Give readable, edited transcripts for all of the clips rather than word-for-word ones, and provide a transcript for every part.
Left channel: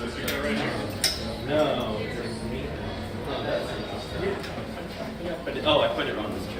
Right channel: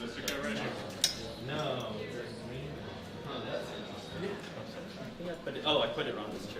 No. Oh, that's I put it on this chip.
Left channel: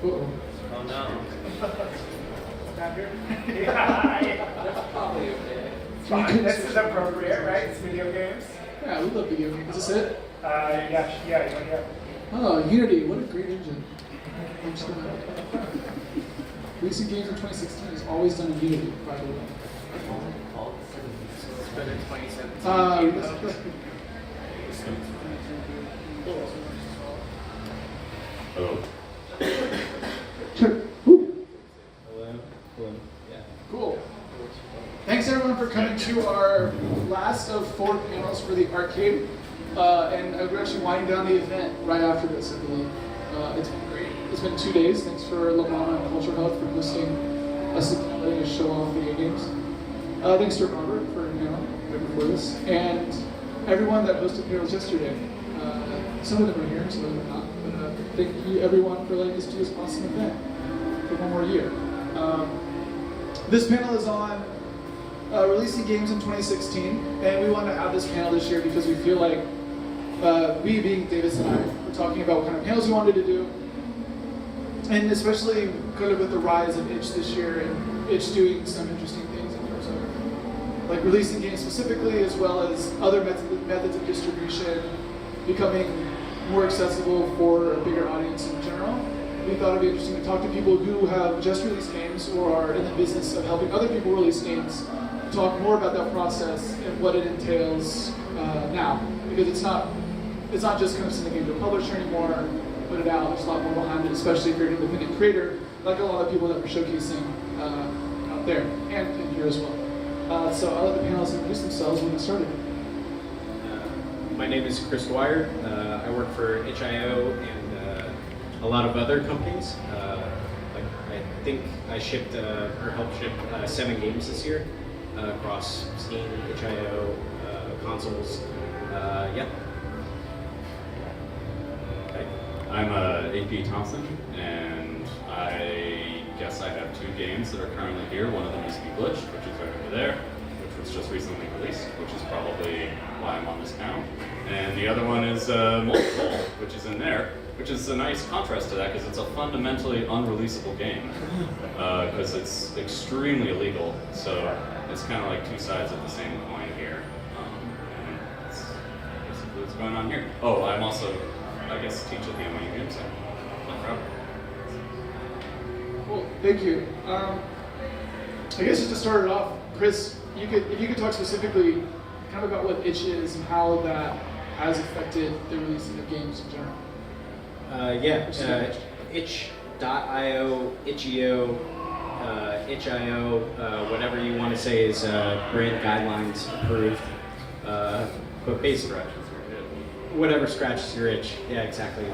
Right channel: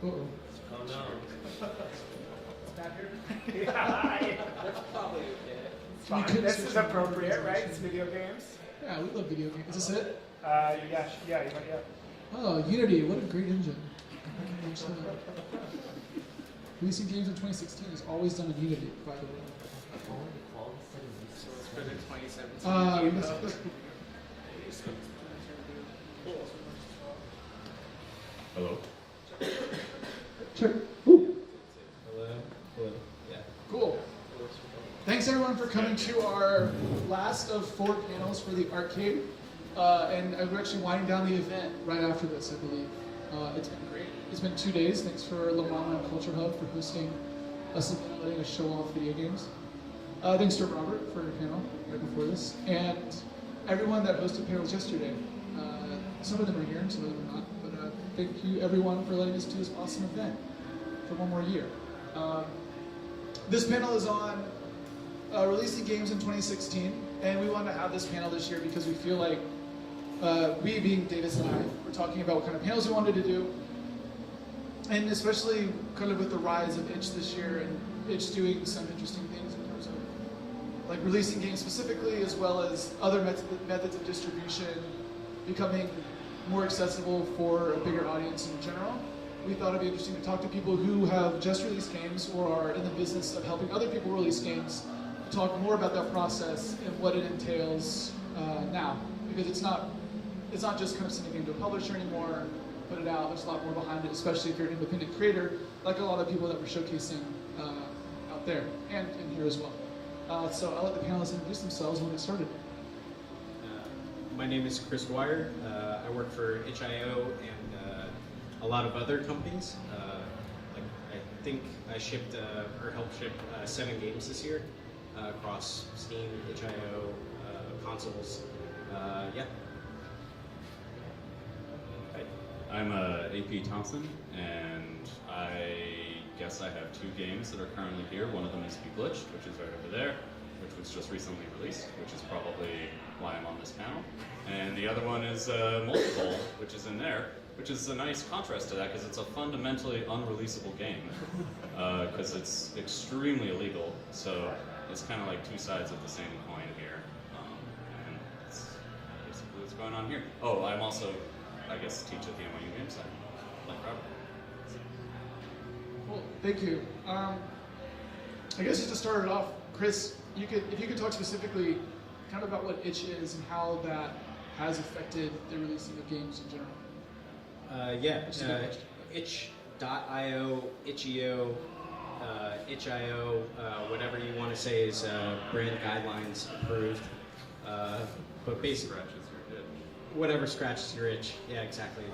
Uh-oh. Oh no. Fine. This is appropriate, right? It's video games. Yeah, we love video games. Is this it? Yeah. Oh, Unity, what a great engine. Releasing games in 2016 is always done in Unity, by the way. It's been in 2017. Hello. Sure. Ooh. Hello. Yeah. Cool. Thanks everyone for coming to our last of 4 panels for the arcade. And we're actually winding down the event right after this, I believe. It's been great. It's been 2 days. Thanks for LaMaMa and CultureHub for hosting us and letting us show off video games. Thanks to Robert for a panel right before this. And everyone that hosted panels yesterday. Some of them are here, some of them are not. But thank you everyone for letting us do this awesome event for one more year. This panel is on releasing games in 2016, and we wanted to have this panel this year because we feel like we, being Davis and I, were talking about what kind of panels we wanted to do, and especially kind of with the rise of itch this year, and itch doing some interesting things in terms of like releasing games specifically, as well as other methods of distribution becoming more accessible for a bigger audience in general. We thought it'd be interesting to talk to people who have just released games or are in the business of helping other people release games, to talk more about that process and what it entails now. Because it's not just kind of sending a game to a publisher anymore, put it out, there's a lot more behind it, especially if you're an independent creator, like a lot of people that we're showcasing out there, and here as well. So I'll let the panelists introduce themselves when we get started. My name is Chris Dwyer. I work for HIO and a lot of other companies. I think I shipped or helped ship 7 games this year across Steam, HIO, consoles. Yeah. Okay. I'm AP Thompson, and I guess I have 2 games that are currently here. One of them is Beglitched, which is right over there, which was just recently released, which is probably why I'm on this panel. And the other one is Multiple, which is in there, which is a nice contrast to that because it's a fundamentally unreleasable game because it's extremely illegal. So it's kind of like 2 sides of the same coin here. And that's basically what's going on here. Oh, I'm also, I guess, teach at the NYU Game Center. No problem. Cool, thank you. I guess just to start it off, Chris, if you could talk specifically kind of about what itch is and how that has affected the releasing of games in general. itch.io, itch.io, itch.io, whatever you want to say is brand guidelines approved. But basically, whatever scratches your itch. Yeah, exactly.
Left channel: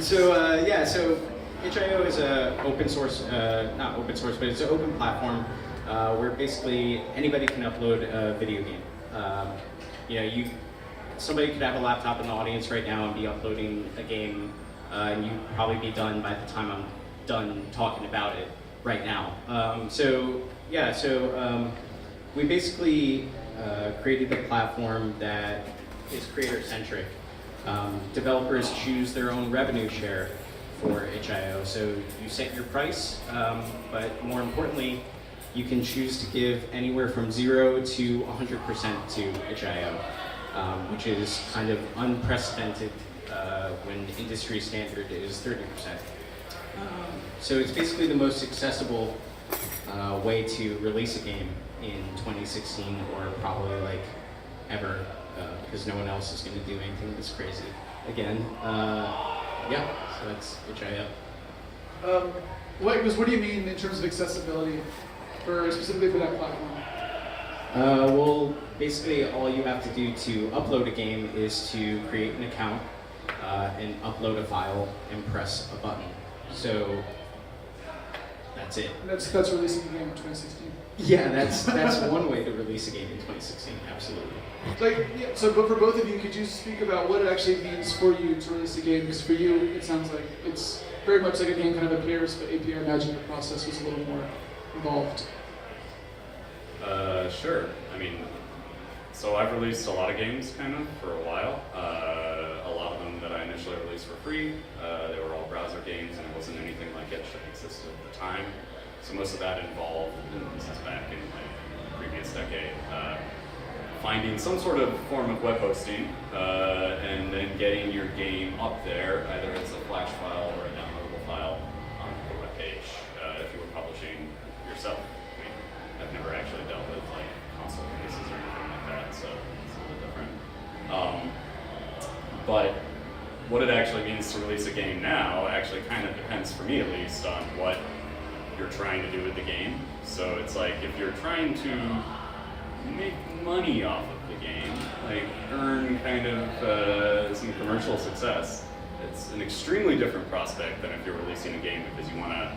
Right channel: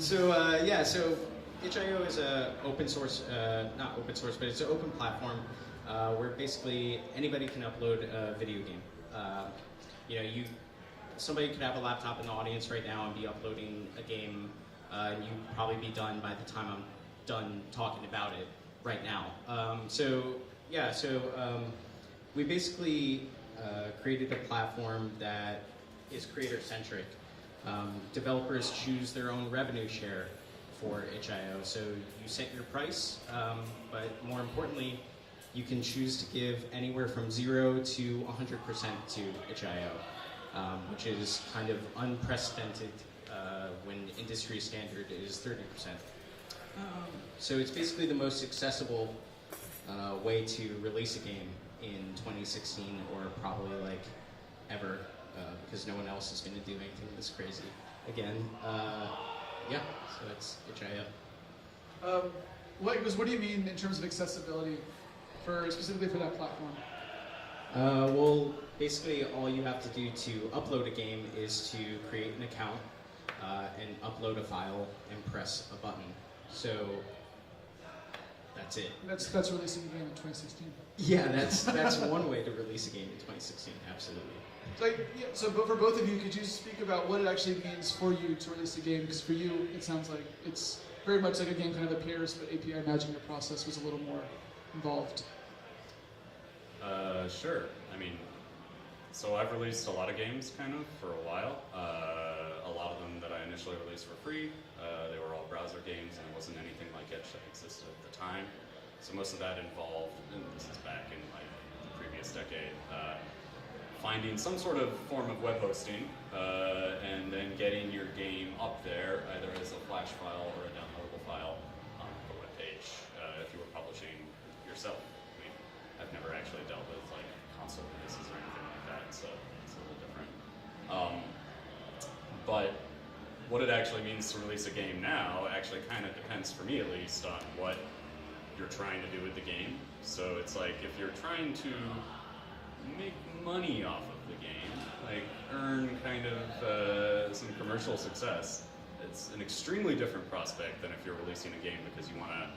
So itch.io is a open source, not open source, but it's an open platform where basically anybody can upload a video game. Somebody could have a laptop in the audience right now and be uploading a game, and you'd probably be done by the time I'm done talking about it right now. We basically created a platform that is creator-centric. Developers choose their own revenue share for itch.io, so you set your price, but more importantly, you can choose to give anywhere from 0 to 100% to itch.io, which is kind of unprecedented when the industry standard is 30%. So it's basically the most accessible way to release a game. in 2016 or probably like ever, because no one else is going to do anything this crazy again. Yeah, so that's HIO. What do you mean in terms of accessibility, specifically for that platform? Well, basically all you have to do to upload a game is to create an account and upload a file and press a button. So that's it. That's releasing the game in 2016. Yeah, that's one way to release a game in 2016. Absolutely. Like, yeah, so, but for both of you, could you speak about what it actually means for you to release a game? Because for you, it sounds like it's very much like a game kind of appears, but AP, I imagine the process was a little more involved. Sure. I mean, so I've released a lot of games kind of for a while. A lot of them that I initially released for free. They were all browser games, and it wasn't anything like it that existed at the time. So most of that involved, and this is back in like the previous decade, finding some sort of form of web hosting, and then getting your game up there, either as a Flash file or a downloadable file on the web page, if you were publishing yourself. I mean, I've never actually dealt with like console releases or anything like that, so it's a little different. But what it actually means to release a game now actually kind of depends, for me at least, on what you're trying to do with the game. So it's like, if you're trying to make money off of the game, like earn kind of some commercial success, it's an extremely different prospect than if you're releasing a game because you want to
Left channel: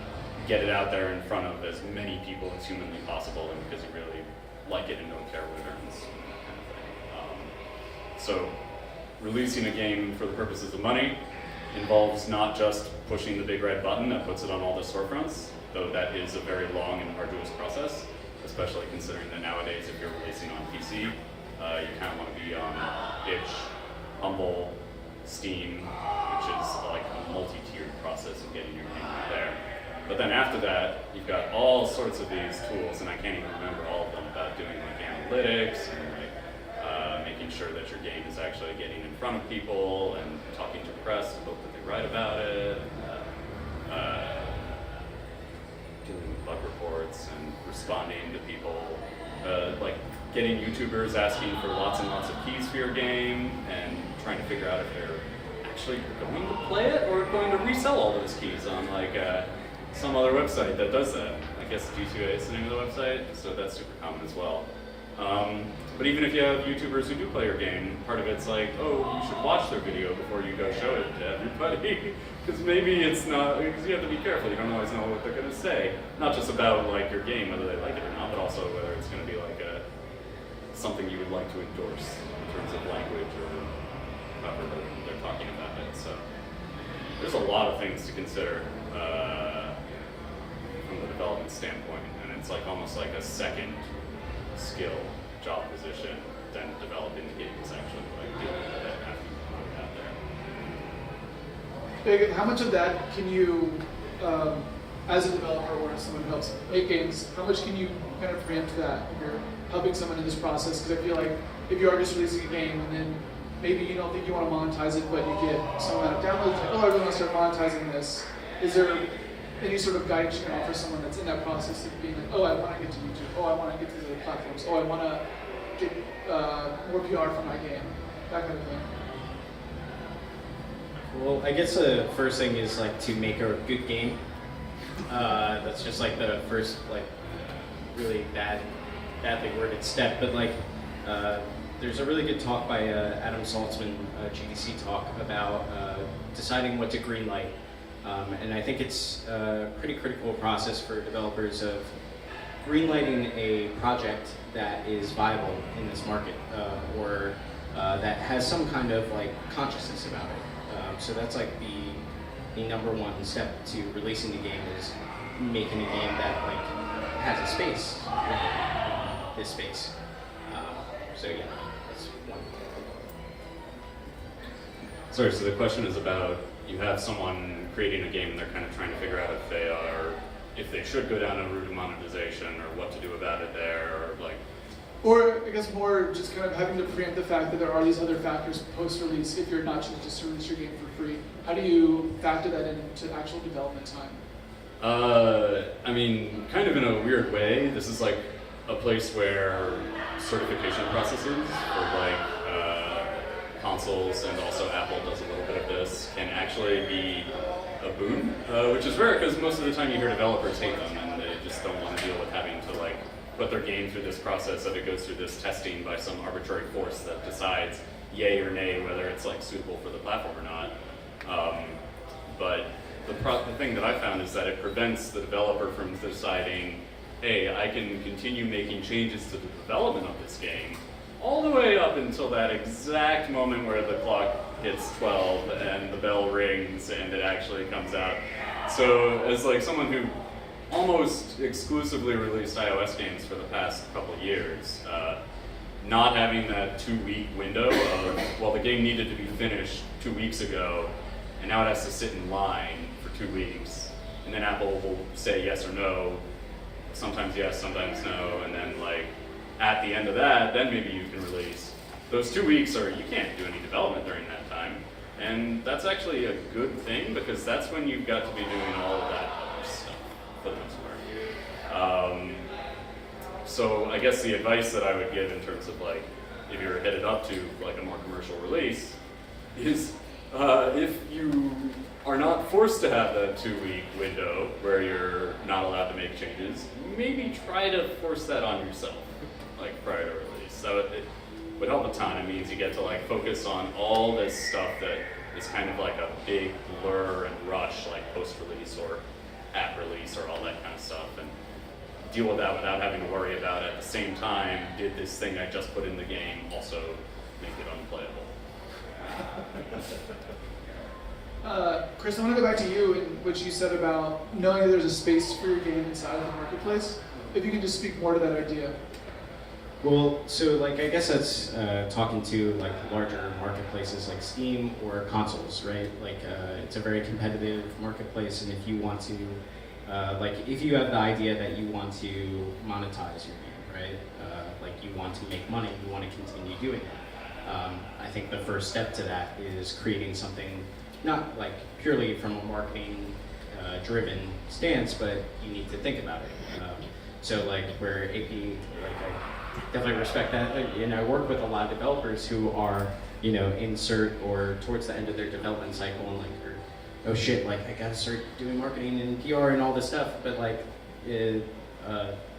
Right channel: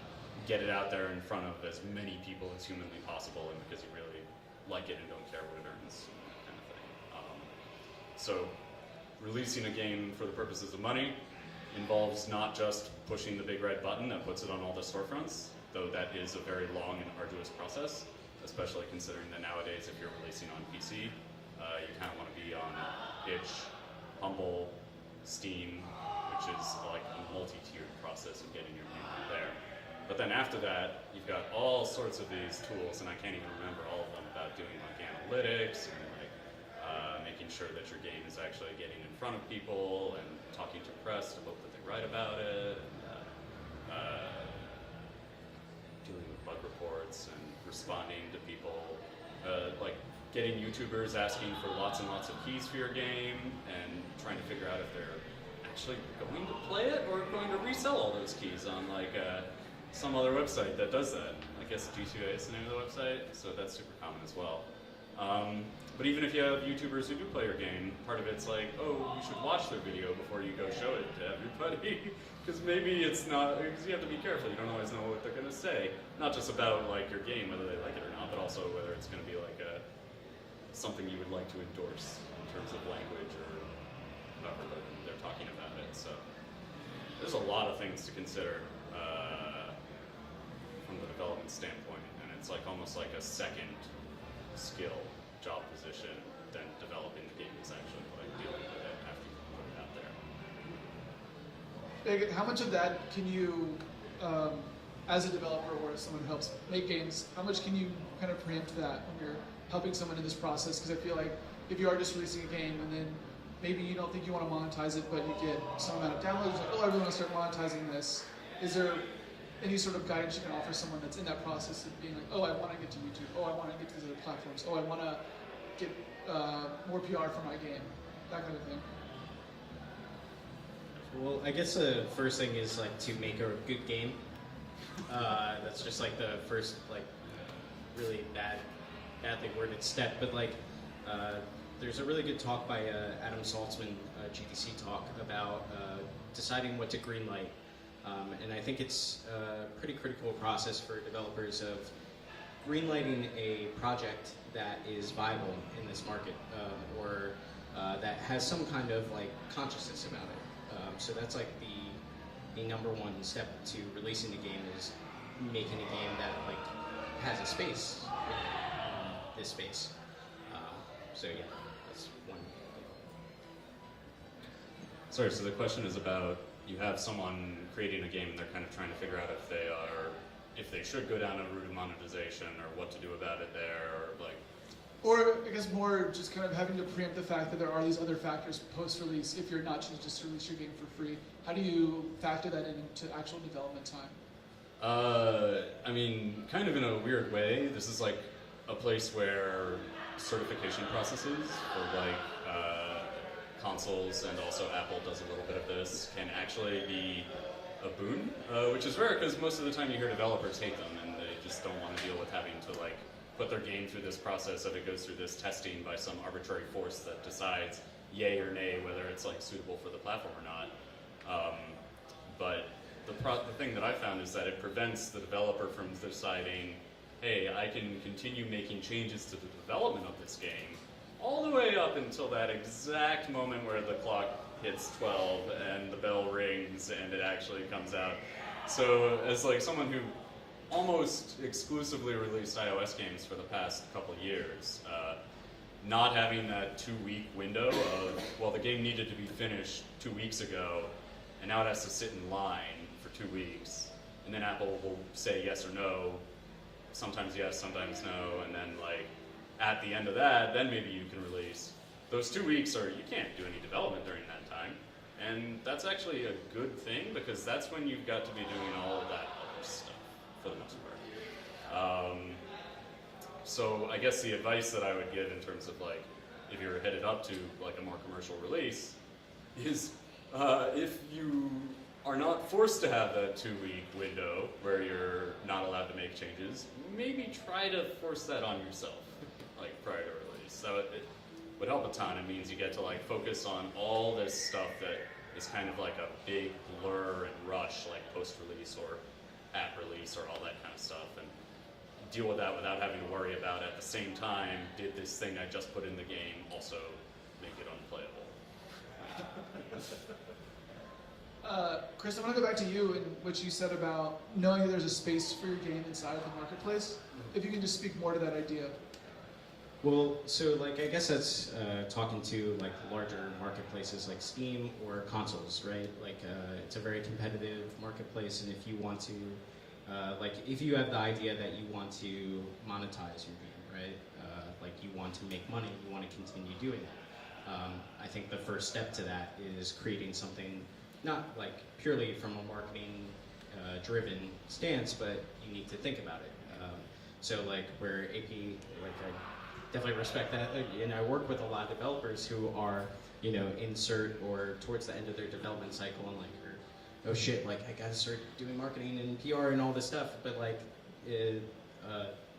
get it out there in front of as many people as humanly possible and because you really like it and don't care what it earns, kind of thing. So releasing a game for the purposes of money involves not just pushing the big red button that puts it on all the storefronts, though that is a very long and arduous process, especially considering that nowadays if you're releasing on PC, you kind of want to be on itch, Humble, Steam, which is like a multi-tiered process of getting your game out there. But then after that, you've got all sorts of these tools, and I can't even remember all of them, about doing like analytics and like making sure that your game is actually getting in front of people and talking to the press to hope that they write about it, and doing bug reports and responding to people, like getting YouTubers asking for lots and lots of keys for your game and trying to figure out if they're actually going to play it or going to resell all those keys on like some other website that does that. I guess G2A is the name of the website, so that's super common as well. But even if you have YouTubers who do play your game, part of it's like, oh, you should watch their video before you go show it to everybody. Because maybe it's not, because you have to be careful. You don't always know what they're going to say. Not just about like your game, whether they like it or not, but also whether it's going to be like something you would like to endorse in terms of language or however they're talking about it. So there's a lot of things to consider from the development standpoint, and it's like almost like a second skill job position than developing the game is actually what I do with it after you put it out there. How much of that can you, as a developer or as someone who helps make games, how much can you kind of preempt that if you're helping someone in this process? Because I feel like if you are just releasing a game and then maybe you don't think you want to monetize it, but you get some amount of downloads, like, oh, I really want to start monetizing this. Is there any sort of guidance you can offer someone that's in that process of being like, oh, I want to get to YouTube, oh, I want to get to these other platforms, oh, I want to get more PR for my game, that kind of thing? Well, I guess the first thing is like to make a good game. That's just like the first like really badly worded step. But like there's a really good talk by Adam Saltzman, GDC talk, about deciding what to greenlight. And I think it's a pretty critical process for developers of greenlighting a project that is viable in this market, or that has some kind of like consciousness about it. So that's like the number one step to releasing the game, is making a game that like has a space, this space. So yeah, that's one. Sorry, so the question is about, you have someone creating a game and they're kind of trying to figure out if they should go down a route of monetization or what to do about it there, or like. Or I guess more just kind of having to preempt the fact that there are these other factors post-release if you're not just to release your game for free. How do you factor that into actual development time? I mean, kind of in a weird way. This is like a a place where certification processes for like consoles, and also Apple does a little bit of this, can actually be a boon, which is rare because most of the time you hear developers hate them and they just don't want to deal with having to like put their game through this process, that it goes through this testing by some arbitrary force that decides yay or nay whether it's like suitable for the platform or not. But the thing that I found is that it prevents the developer from deciding, hey, I can continue making changes to the development of this game all the way up until that exact moment where the clock hits 12 and the bell rings and it actually comes out. So as like someone who almost exclusively released iOS games for the past couple years, not having that 2-week window of, well, the game needed to be finished 2 weeks ago, and now it has to sit in line for 2 weeks, and then Apple will say yes or no, sometimes yes, sometimes no, and then like at the end of that, then maybe you can release. Those 2 weeks are, you can't do any development during that time, and that's actually a good thing because that's when you've got to be doing all of that other stuff for the most part. So I guess the advice that I would give in terms of like, if you're headed up to like a more commercial release, is if you are not forced to have that 2-week window where you're not allowed to make changes, maybe try to force that on yourself, like prior to release. So it would help a ton. It means you get to like focus on all this stuff that is kind of like a big blur and rush, like post-release or at release or all that kind of stuff, and deal with that without having to worry about it. At the same time, did this thing I just put in the game also make it unplayable? Chris, I want to go back to you and what you said about knowing that there's a space for your game inside of the marketplace. If you can just speak more to that idea. Well, so like I guess that's talking to like larger marketplaces like Steam or consoles, right? Like it's a very competitive marketplace, and if you want to, like if you have the idea that you want to monetize your game, right? Like you want to make money, you want to continue doing it. I think the first step to that is creating something not like purely from a marketing driven stance, but you need to think about it. So like where AP, like I definitely respect that. And I work with a lot of developers who are, you know, insert or towards the end of their development cycle and like, oh shit, like I gotta start doing marketing and PR and all this stuff. But like a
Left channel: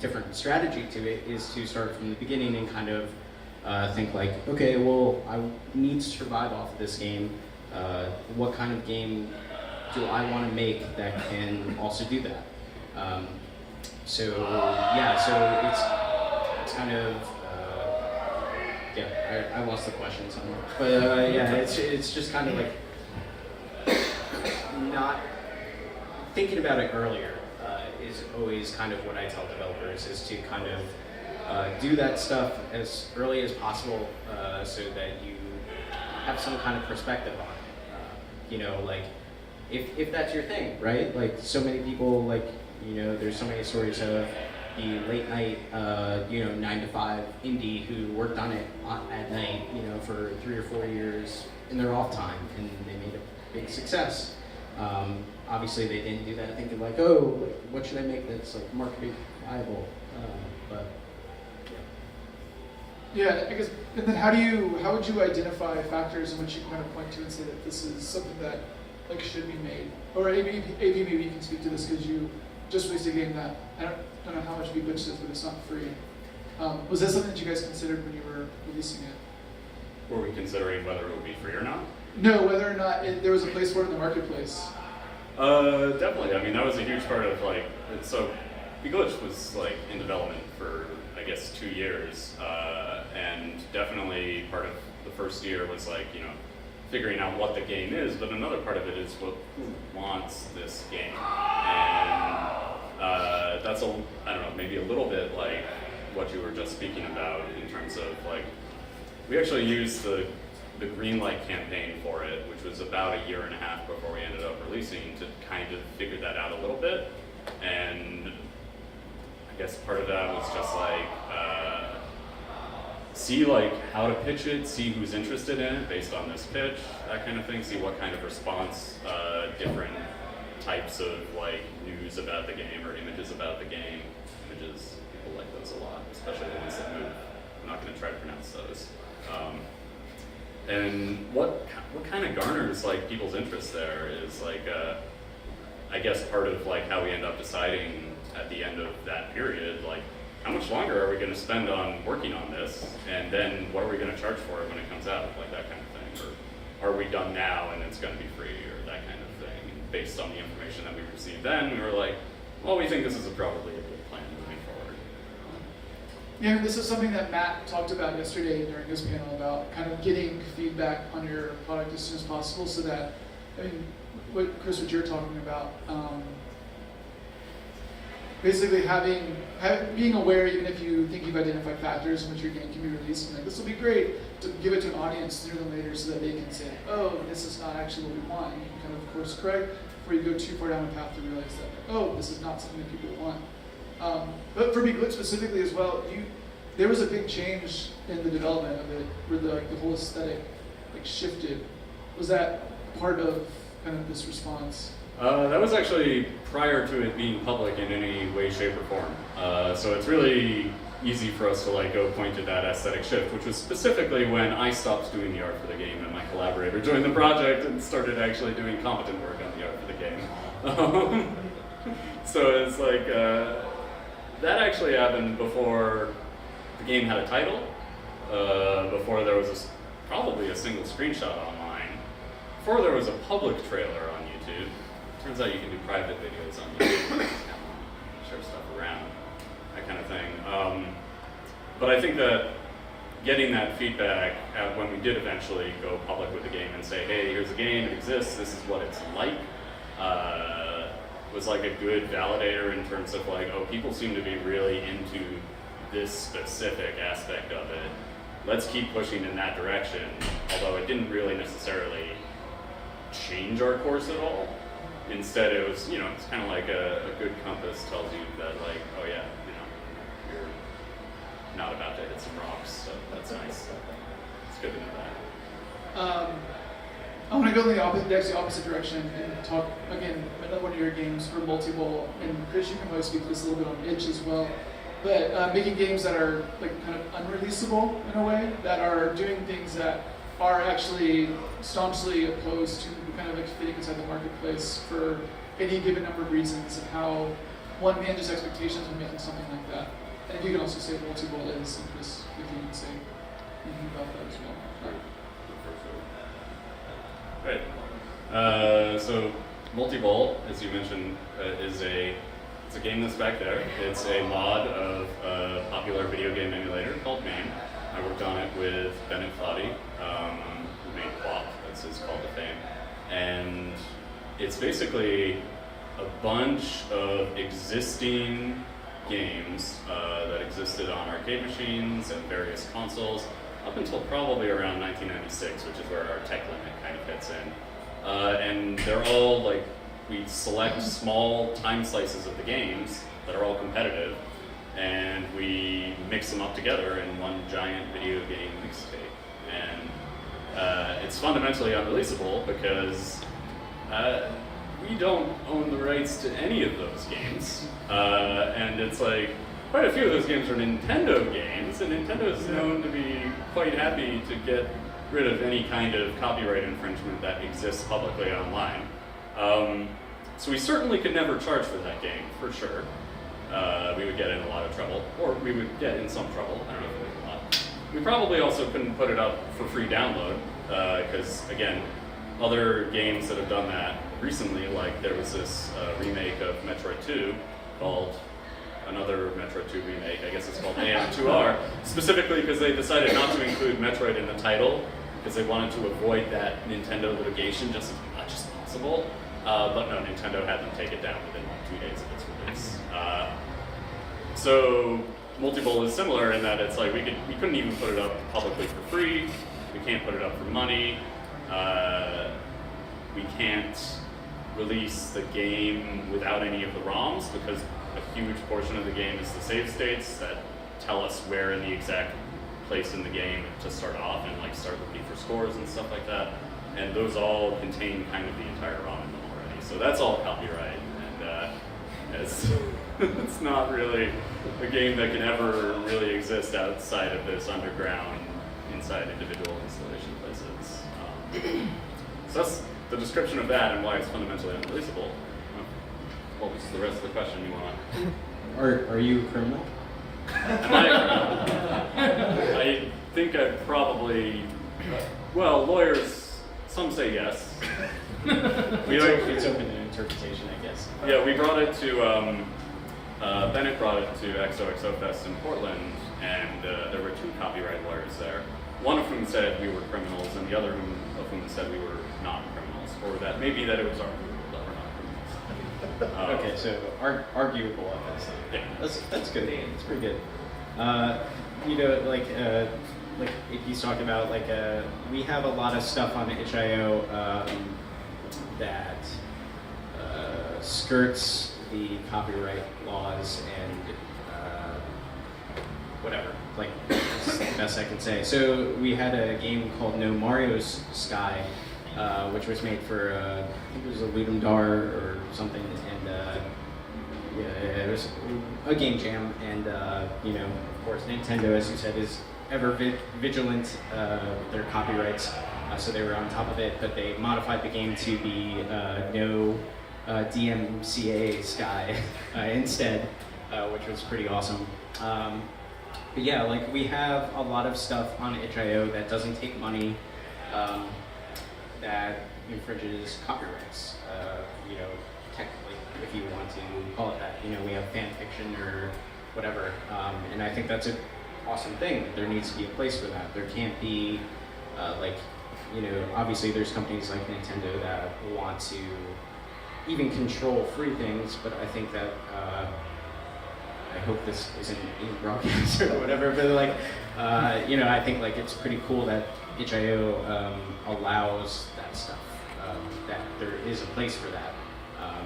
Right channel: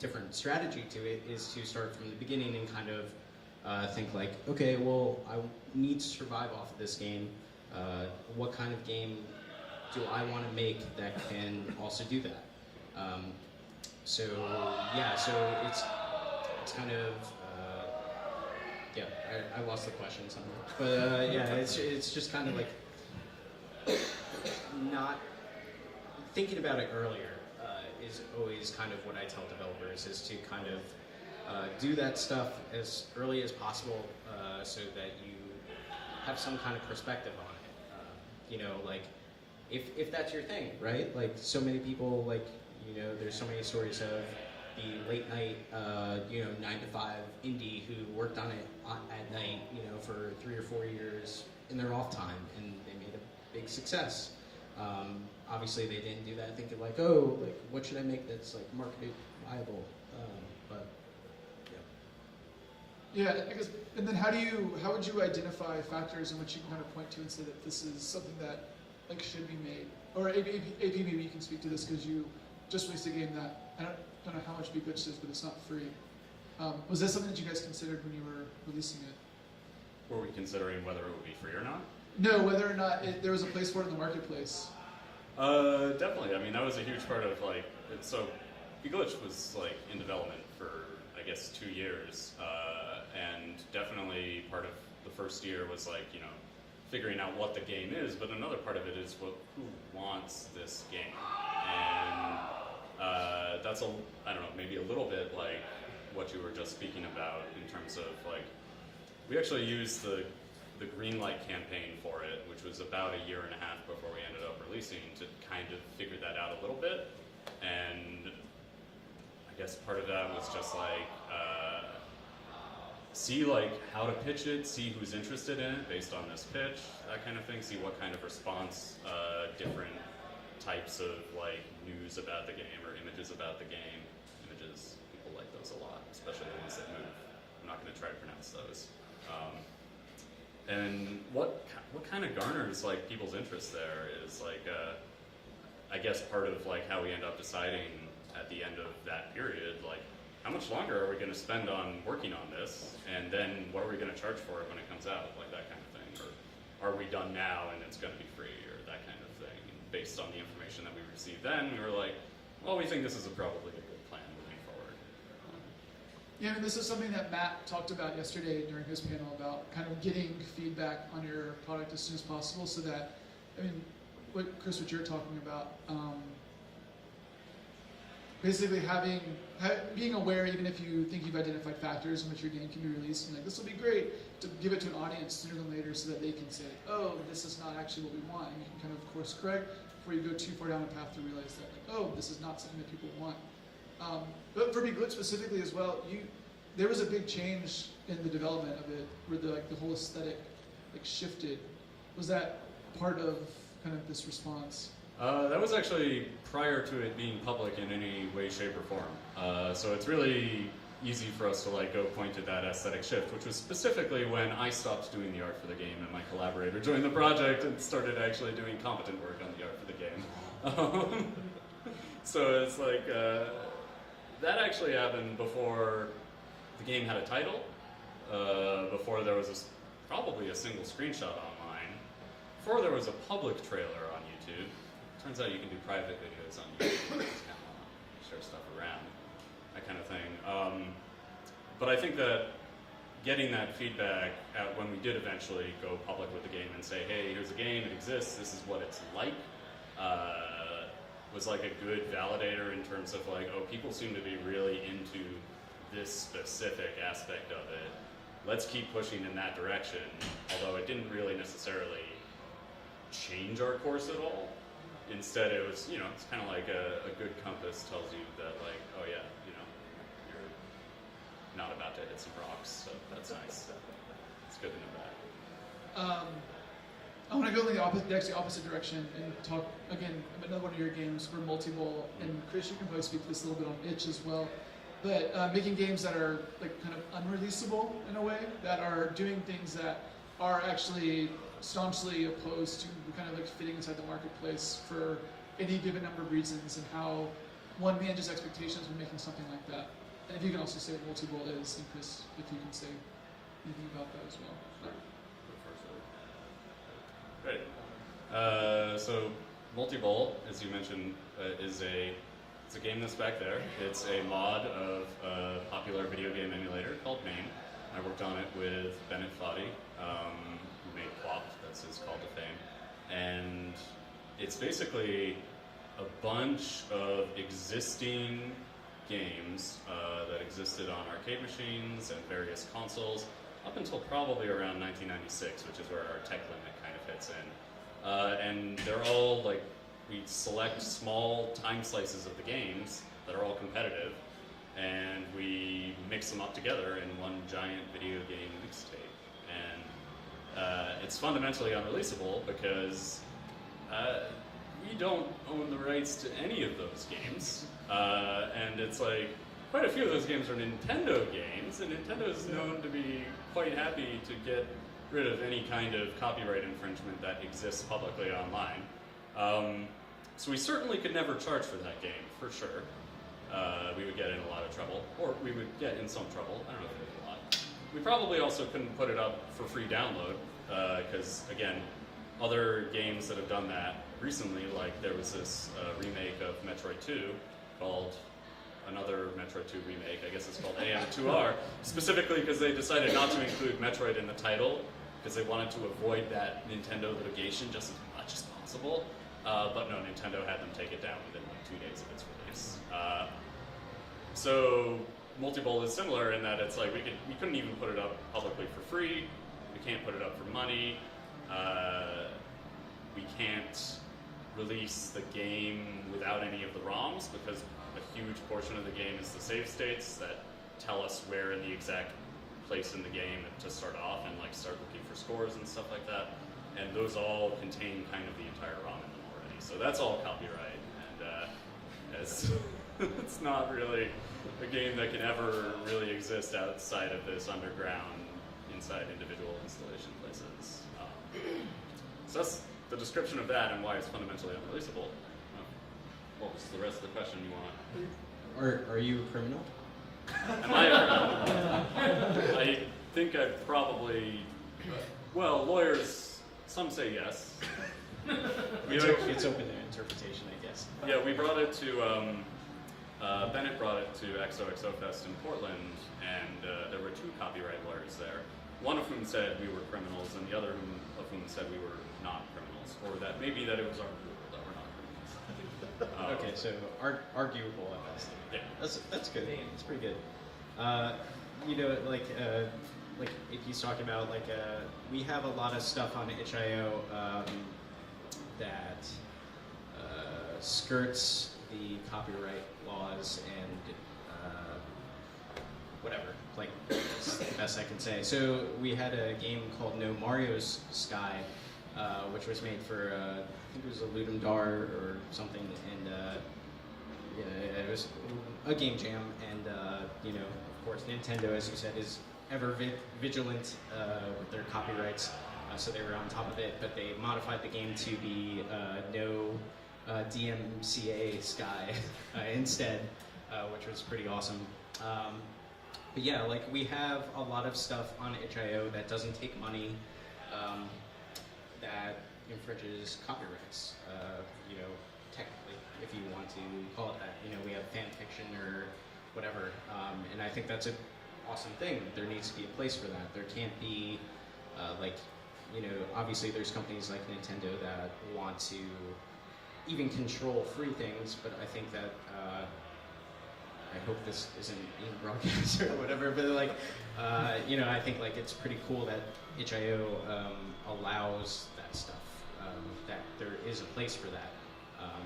different strategy to it is to start from the beginning and kind of think like, okay, well, I need to survive off of this game. What kind of game do I want to make that can also do that? So yeah, so it's kind of yeah. I lost the question somewhere, but yeah, it's just kind of like not thinking about it earlier is always kind of what I tell developers, is to kind of do that stuff as early as possible so that you have some kind of perspective on it. You know, like if that's your thing, right? Like so many people, like, you know, there's so many stories of the late night, you know, 9 to 5 indie who worked on it at night, you know, for 3 or 4 years in their off time, and they made a big success. Obviously, they didn't do that thinking like, oh, what should I make that's like market viable? But yeah, I guess. And then how would you identify factors in which you kind of point to and say that this is something that like should be made? Or AP maybe you can speak to this because you just released a game that I don't know how much Beglitched is, but it's not free. Was that something that you guys considered when you were releasing it? Were we considering whether it would be free or not? No, whether or not there was a place for it in the marketplace. Definitely. I mean, that was a huge part of like, so Beglitched was like in development for, I guess, 2 years, and definitely part of the first year was like, you know, figuring out what the game is, but another part of it is who wants this game, and that's I don't know, maybe a little bit like what you were just speaking about in terms of like, we actually used the Greenlight campaign for it, which was about 1.5 years before we ended up releasing, to kind of figure that out a little bit. And I guess part of that was just like see like how to pitch it, see who's interested in it based on this pitch, that kind of thing. See what kind of response different types of like news about the game or images about the game. Images, people like those a lot, especially the ones that move. I'm not going to try to pronounce those. And what kind of garners like people's interest there is like, I guess part of like how we end up deciding at the end of that period, like how much longer are we going to spend on working on this, and then what are we going to charge for it when it comes out, like that kind of thing, or are we done now and it's going to be free, or that kind of thing. Based on the information that we received then, we were like, well, we think this is probably a good plan moving forward. Yeah, this is something that Matt talked about yesterday during his panel about kind of getting feedback on your product as soon as possible, so that, I mean, Chris, what you're talking about, basically being aware, even if you think you've identified factors in which your game can be released, and like, this will be great to give it to an audience sooner than later so that they can say, oh, this is not actually what we want, and you can kind of course correct before you go too far down a path to realize that, oh, this is not something that people want. But for Beglitched specifically as well, there was a big change in the development of it, where the whole aesthetic shifted. Was that part of kind of this response? That was actually prior to it being public in any way, shape, or form. So it's really easy for us to go point to that aesthetic shift, which was specifically when I stopped doing the art for the game and my collaborator joined the project and started actually doing competent work on the art for the game. So it's that actually happened before the game had a title, before there was probably a single screenshot online, before there was a public trailer on YouTube. Turns out you can do private videos on YouTube, share stuff around, that kind of thing. But I think that getting that feedback when we did eventually go public with the game and say, hey, here's a game, it exists, this is what it's like, was a good validator in terms of oh, people seem to be really into this specific aspect of it. Let's keep pushing in that direction, although it didn't really necessarily change our course at all. Instead, it was, it's kind of like a good compass tells you that, oh yeah, you're not about to hit some rocks, so that's nice. It's good to know that. I want to go in the opposite direction and talk, again, another one of your games for multi-ball, and Chris, you can probably speak to this a little bit on itch as well, but making games that are kind of unreleasable in a way, that are doing things that are actually staunchly opposed to kind of fitting inside the marketplace for any given number of reasons, and how one manages expectations when making something like that. And if you can also say what multi-ball is, and Chris, if you can say anything about that as well. Right. So multi-ball, as you mentioned, it's a game that's back there. It's a mod of a popular video game emulator called MAME. I worked on it with Bennett Foddy, who made Quap, that's his call to fame. And it's basically a bunch of existing games that existed on arcade machines and various consoles up until probably around 1996, which is where our tech limit kind of hits in. And they're all we select small time slices of the games that are all competitive, and we mix them up together in one giant video game mixtape. And it's fundamentally unreleasable because we don't own the rights to any of those games. And it's quite a few of those games are Nintendo games, and Nintendo is known to be quite happy to get rid of any kind of copyright infringement that exists publicly online. So we certainly could never charge for that game, for sure. We would get in a lot of trouble, or we would get in some trouble. I don't know if it was a lot. We probably also couldn't put it up for free download, because again, other games that have done that recently, there was this remake of Metroid 2 called another Metroid 2 remake, I guess it's called AM2R, specifically because they decided not to include Metroid in the title, because they wanted to avoid that Nintendo litigation just as much as possible. But no, Nintendo had them take it down within 2 days of its release. So multi-ball is similar in that it's we couldn't even put it up publicly for free. We can't put it up for money. We can't release the game without any of the ROMs, because a huge portion of the game is the save states that tell us where in the exact place in the game to start off and start looking for scores and stuff like that. And those all contain kind of the entire ROM in them already. So that's all copyright. And as It's not really a game that can ever really exist outside of this underground, inside individual installation places. So that's the description of that and why it's fundamentally unreleasable. What was the rest of the question you want? Are you a criminal? Am I a criminal? I think I'd probably, well, lawyers, some say yes. It's open to interpretation, I guess. Yeah, we brought it to, Bennett brought it to XOXO Fest in Portland, and there were 2 copyright lawyers there. One of whom said we were criminals, and the other of whom said we were not criminals, or that maybe that it was arguable that we're not criminals. Okay, so arguable at best. Yeah. That's good. That's pretty good. You know, like he's talking about, like we have a lot of stuff on itch.io that skirts the copyright laws and whatever. Like that's the best I can say. So we had a game called No Mario's Sky, which was made for I think it was a Ludum Dare or something, and yeah, it was a game jam, and you know, of course, Nintendo, as you said, is ever vigilant with their copyrights, so they were on top of it. But they modified the game to be no DMCA Sky instead, which was pretty awesome. But yeah, like we have a lot of stuff on itch.io that doesn't take money, that infringes copyrights. You know, technically, if you want to call it that. You know, we have fan fiction or whatever, and I think that's an awesome thing. There needs to be a place for that. There can't be like, you know, obviously there's companies like Nintendo that want to even control free things, but I think that I hope this isn't being broadcast or whatever, but like, you know, I think like it's pretty cool that itch.io allows that stuff, that there is a place for that,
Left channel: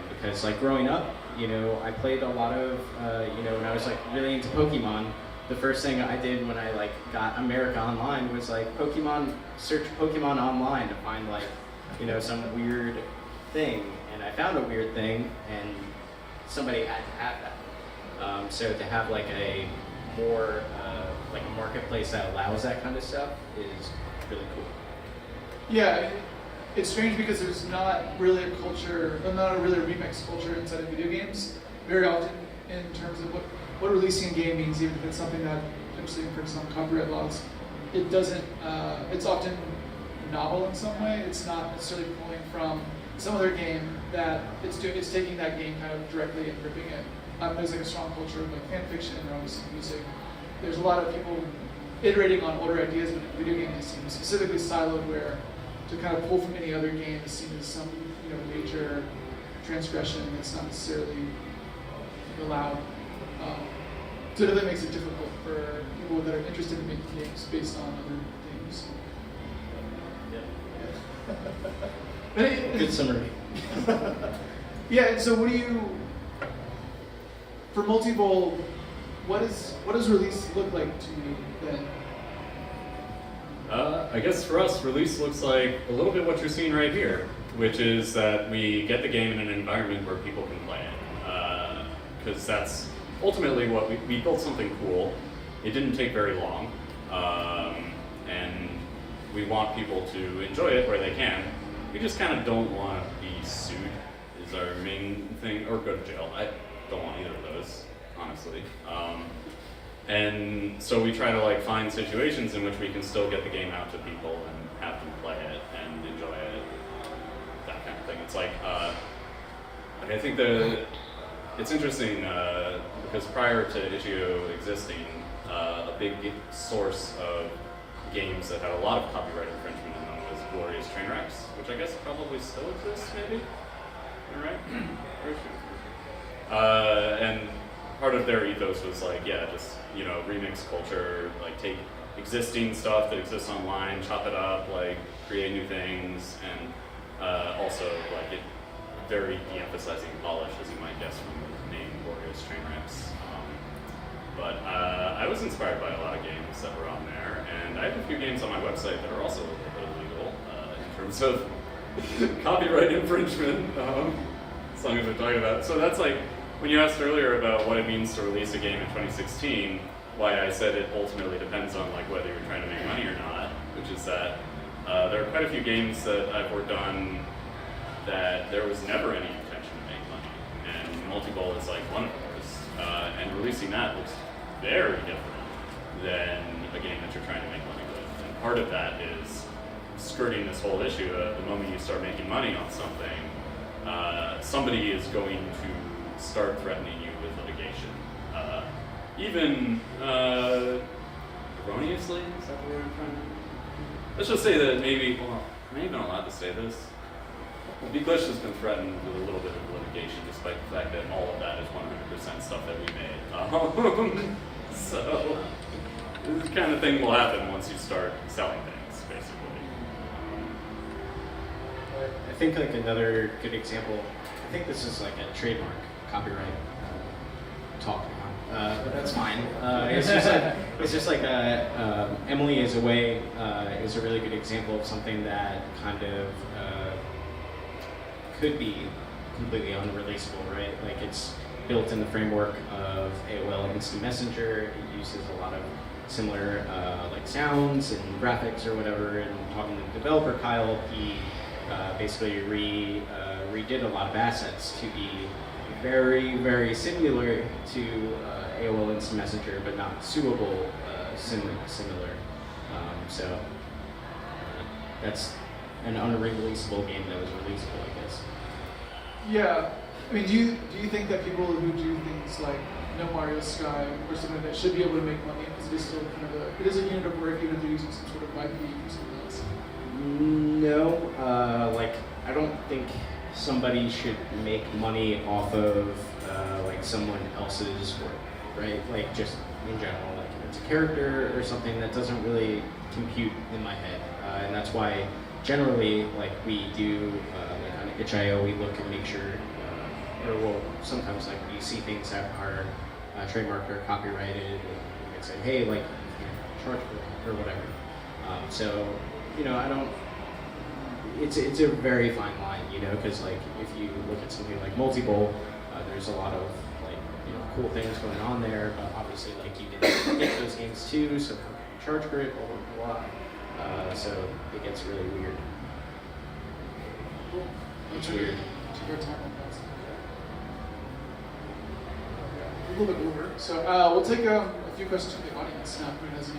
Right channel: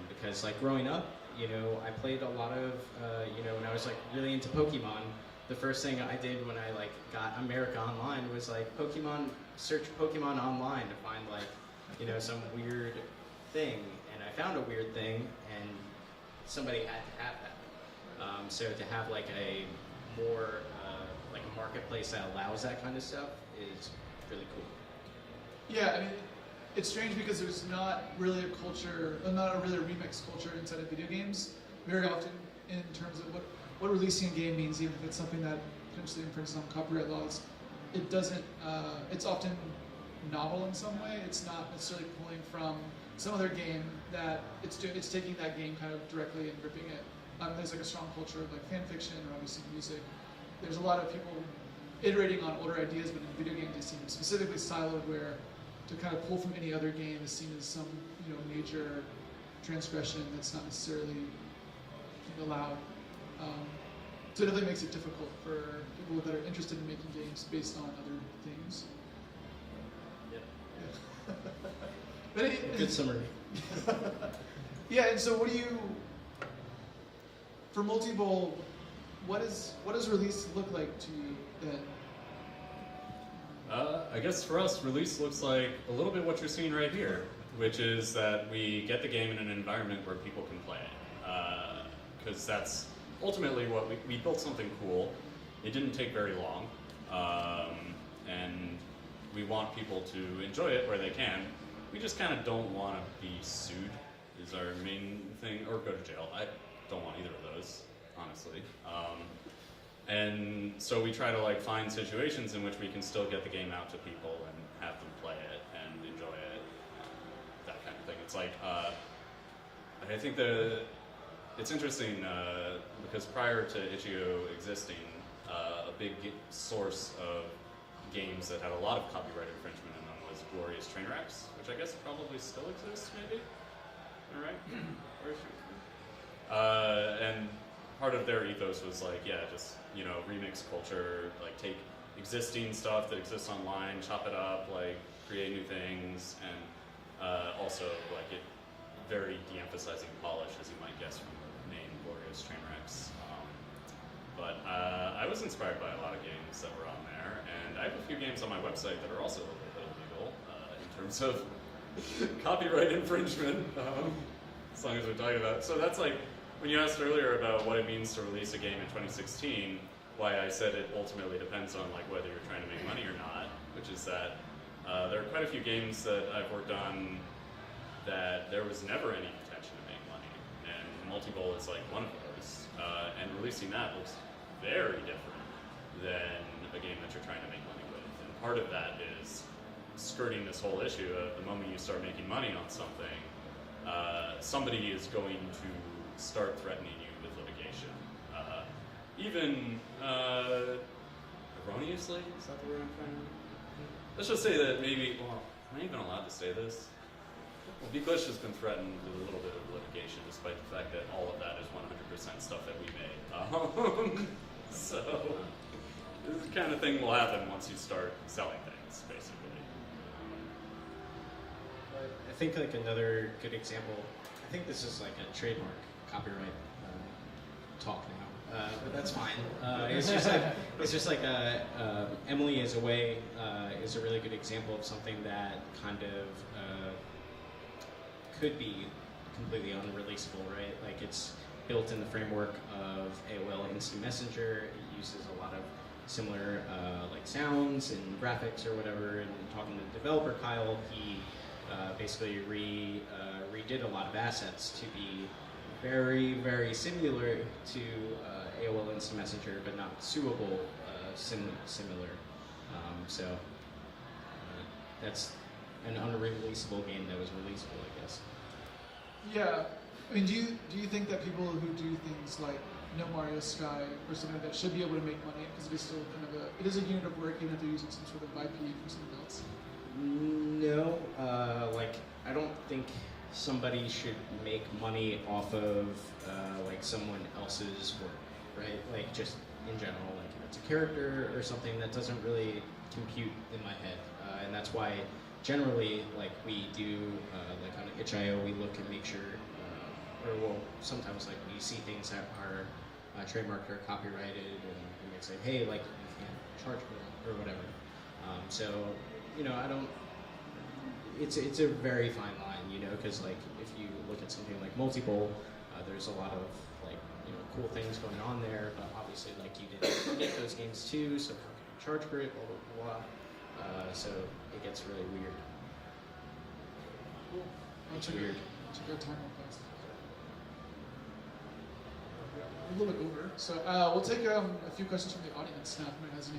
because like growing up, you know, I played a lot of, you know, when I was like really into Pokemon, the first thing I did when I like got America Online was like search Pokemon online to find like, you know, some weird thing, and I found a weird thing, and somebody had to have that. So to have like a more like a marketplace that allows that kind of stuff is really cool. Yeah, I mean, it's strange because there's not really a culture, not a really remix culture inside of video games. Very often, in terms of what releasing a game means, even if it's something that potentially infringes on copyright laws, it doesn't. It's often novel in some way. It's not necessarily pulling from some other game that it's taking that game kind of directly and ripping it. There's like a strong culture of like fan fiction and obviously music. There's a lot of people iterating on older ideas, but in video games it seems specifically siloed, where to kind of pull from any other game is seen as some, you know, major transgression that's not necessarily allowed. So that makes it difficult for people that are interested in making games based on other things. Yeah. Good summary. Yeah, and so what do you, for Multivol, what does release look like to you then? I guess for us, release looks like a little bit what you're seeing right here, which is that we get the game in an environment where people can play it. Because that's ultimately what we built something cool. It didn't take very long, and we want people to enjoy it where they can. We just kind of don't want to be sued, is our main thing, or go to jail. I don't want either of those, honestly. And so we try to like find situations in which we can still get the game out to people and have them play it and enjoy it, that kind of thing. It's like, I think it's interesting because prior to itch.io existing, a big source of games that had a lot of copyright infringement in them was Glorious Trainwrecks, which I guess probably still exists, maybe? Am I right? And part of their ethos was like, yeah, just, you know, remix culture, like take existing stuff that exists online, chop it up, like create new things, and also like it very de-emphasizing polish, as you might guess from the name Glorious Trainwrecks. But I was inspired by a lot of games that were on there, and I have a few games on my website that are also a little bit illegal in terms of copyright infringement, as long as we're talking about. So that's like when you asked earlier about what it means to release a game in 2016, why I said it ultimately depends on like whether you're trying to make money or not, which is that there are quite a few games that I've worked on that there was never any intention to make money, and multi-goal is like one of those. And releasing that looks very different than a game that you're trying to make money with. And part of that is skirting this whole issue of the moment you start making money on something, somebody is going to start threatening you with litigation. Even erroneously, is that the word I'm trying to? Let's just say that maybe, well, am I even allowed to say this? Beglitched has been threatened with a little bit of litigation, despite the fact that all of that is 100% stuff that we made. So, this kind of thing will happen once you start selling things, basically. I think like another good example, I think this is like a trademark copyright talk now, but that's fine. It's just like Emily is a really good example of something that kind of could be completely unreleasable, right? Like it's built in the framework of AOL Instant Messenger. It uses a lot of similar like sounds and graphics or whatever. And talking to the developer Kyle, he basically redid a lot of assets to be very, very similar to AOL Instant Messenger, but not suable similar. So that's an unreleasable game that was releasable, I guess. Yeah, I mean, do you think that people who do things like No Mario Sky or something like that should be able to make money because it is still kind of it is a unit of work even if they're using some sort of IP or something else? No, like I don't think somebody should make money off of like someone else's work, right? Like just in general, like if it's a character or something that doesn't really compute in my head, and that's why generally like we do like on itch.io we look and make sure, or well sometimes like we see things that are trademarked or copyrighted, and we might say, hey, like you can't charge for that or whatever. So you know, I don't. It's a very fine line, you know, because like if you look at something like multi-bowl, there's a lot of like cool things going on there, but obviously like you didn't get those games too, so how can you charge for it, blah blah blah. So it gets really weird. Cool. It's weird. Your time on fast. A little bit over. So we'll take a few questions from the audience now. Who has any?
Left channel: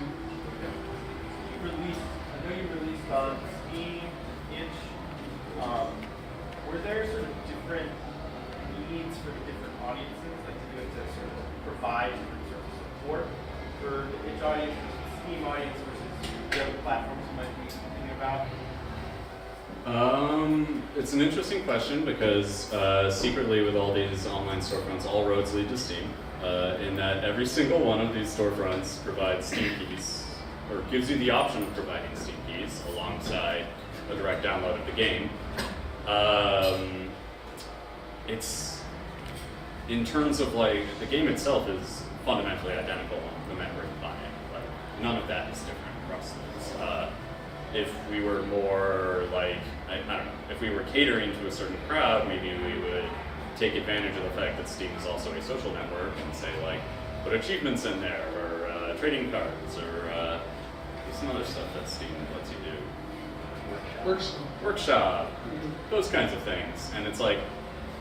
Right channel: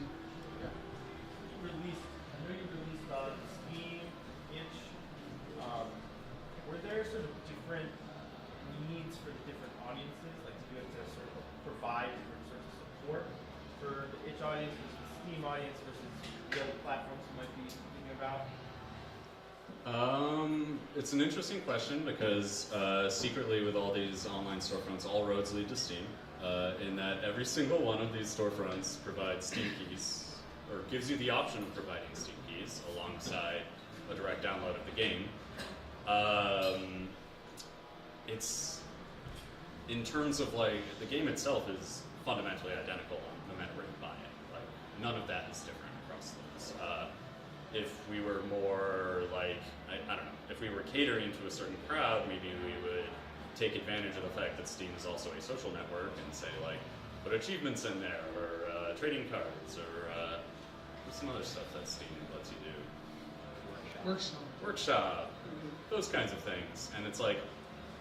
I know you released on Steam, Itch. Were there sort of different needs for the different audiences? Like, did you have to sort of provide sort of support for the Itch audience versus the Steam audience versus the other platforms you might be thinking about? It's an interesting question because secretly with all these online storefronts, all roads lead to Steam, in that every single one of these storefronts provides Steam keys, or gives you the option of providing Steam keys alongside a direct download of the game. It's, in terms of like, the game itself is fundamentally identical no matter where you buy it. Like, none of that is different across those. If we were more like, I don't know, if we were catering to a certain crowd, maybe we would take advantage of the fact that Steam is also a social network and say like, put achievements in there, or trading cards, or there's some other stuff that Steam lets you do. Workshop, those kinds of things. And it's like,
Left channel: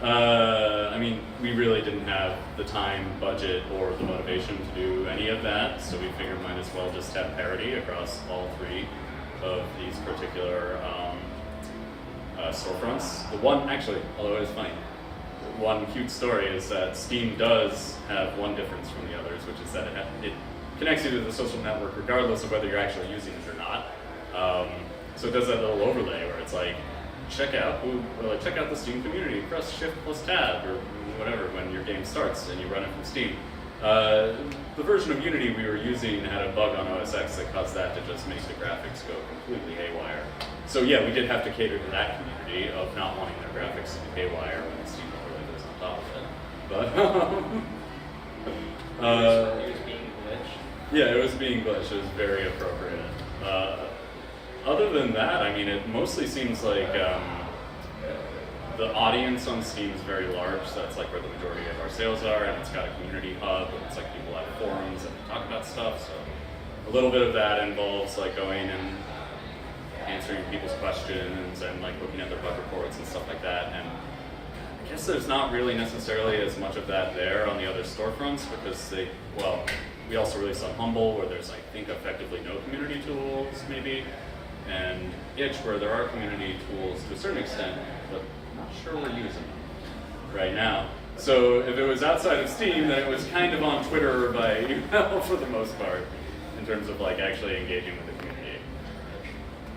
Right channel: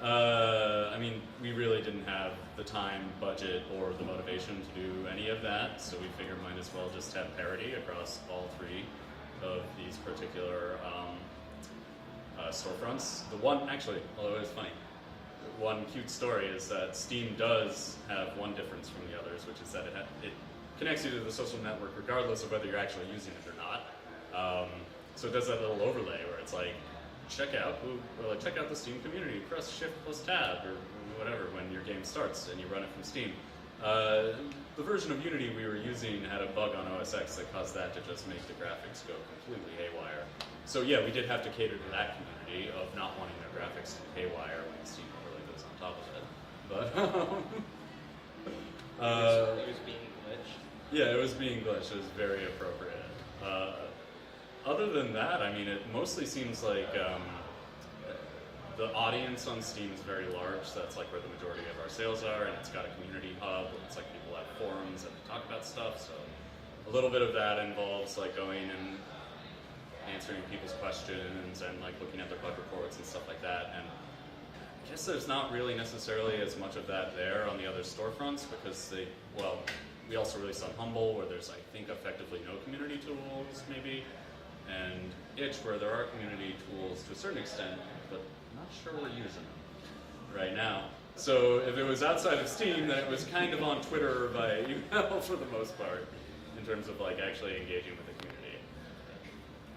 I mean, we really didn't have the time, budget, or the motivation to do any of that, so we figured might as well just have parity across all three of these particular storefronts. The one, actually, although it is funny, one cute story is that Steam does have one difference from the others, which is that it connects you to the social network regardless of whether you're actually using it or not. So it does that little overlay where it's like, check out the Steam community, press Shift plus Tab or whatever when your game starts and you run it from Steam. The version of Unity we were using had a bug on OS X that caused that to just make the graphics go completely haywire. So yeah, we did have to cater to that community of not wanting their graphics to be haywire when the Steam overlay goes on top of it. But it was being glitched. yeah, it was being glitched. It was very appropriate. Other than that, I mean, it mostly seems like the audience on Steam is very large, so that's like where the majority of our sales are, and it's got a community hub, and it's like people have forums and talk about stuff, so a little bit of that involves like going and answering people's questions and like looking at their bug reports and stuff like that. And I guess there's not really necessarily as much of that there on the other storefronts because we also release on Humble where there's I think effectively no community tools maybe, and Itch where there are community tools to a certain extent, but I'm not sure we're using them right now. So if it was outside of Steam, then it was kind of on Twitter or by email for the most part in terms of like actually engaging with the community.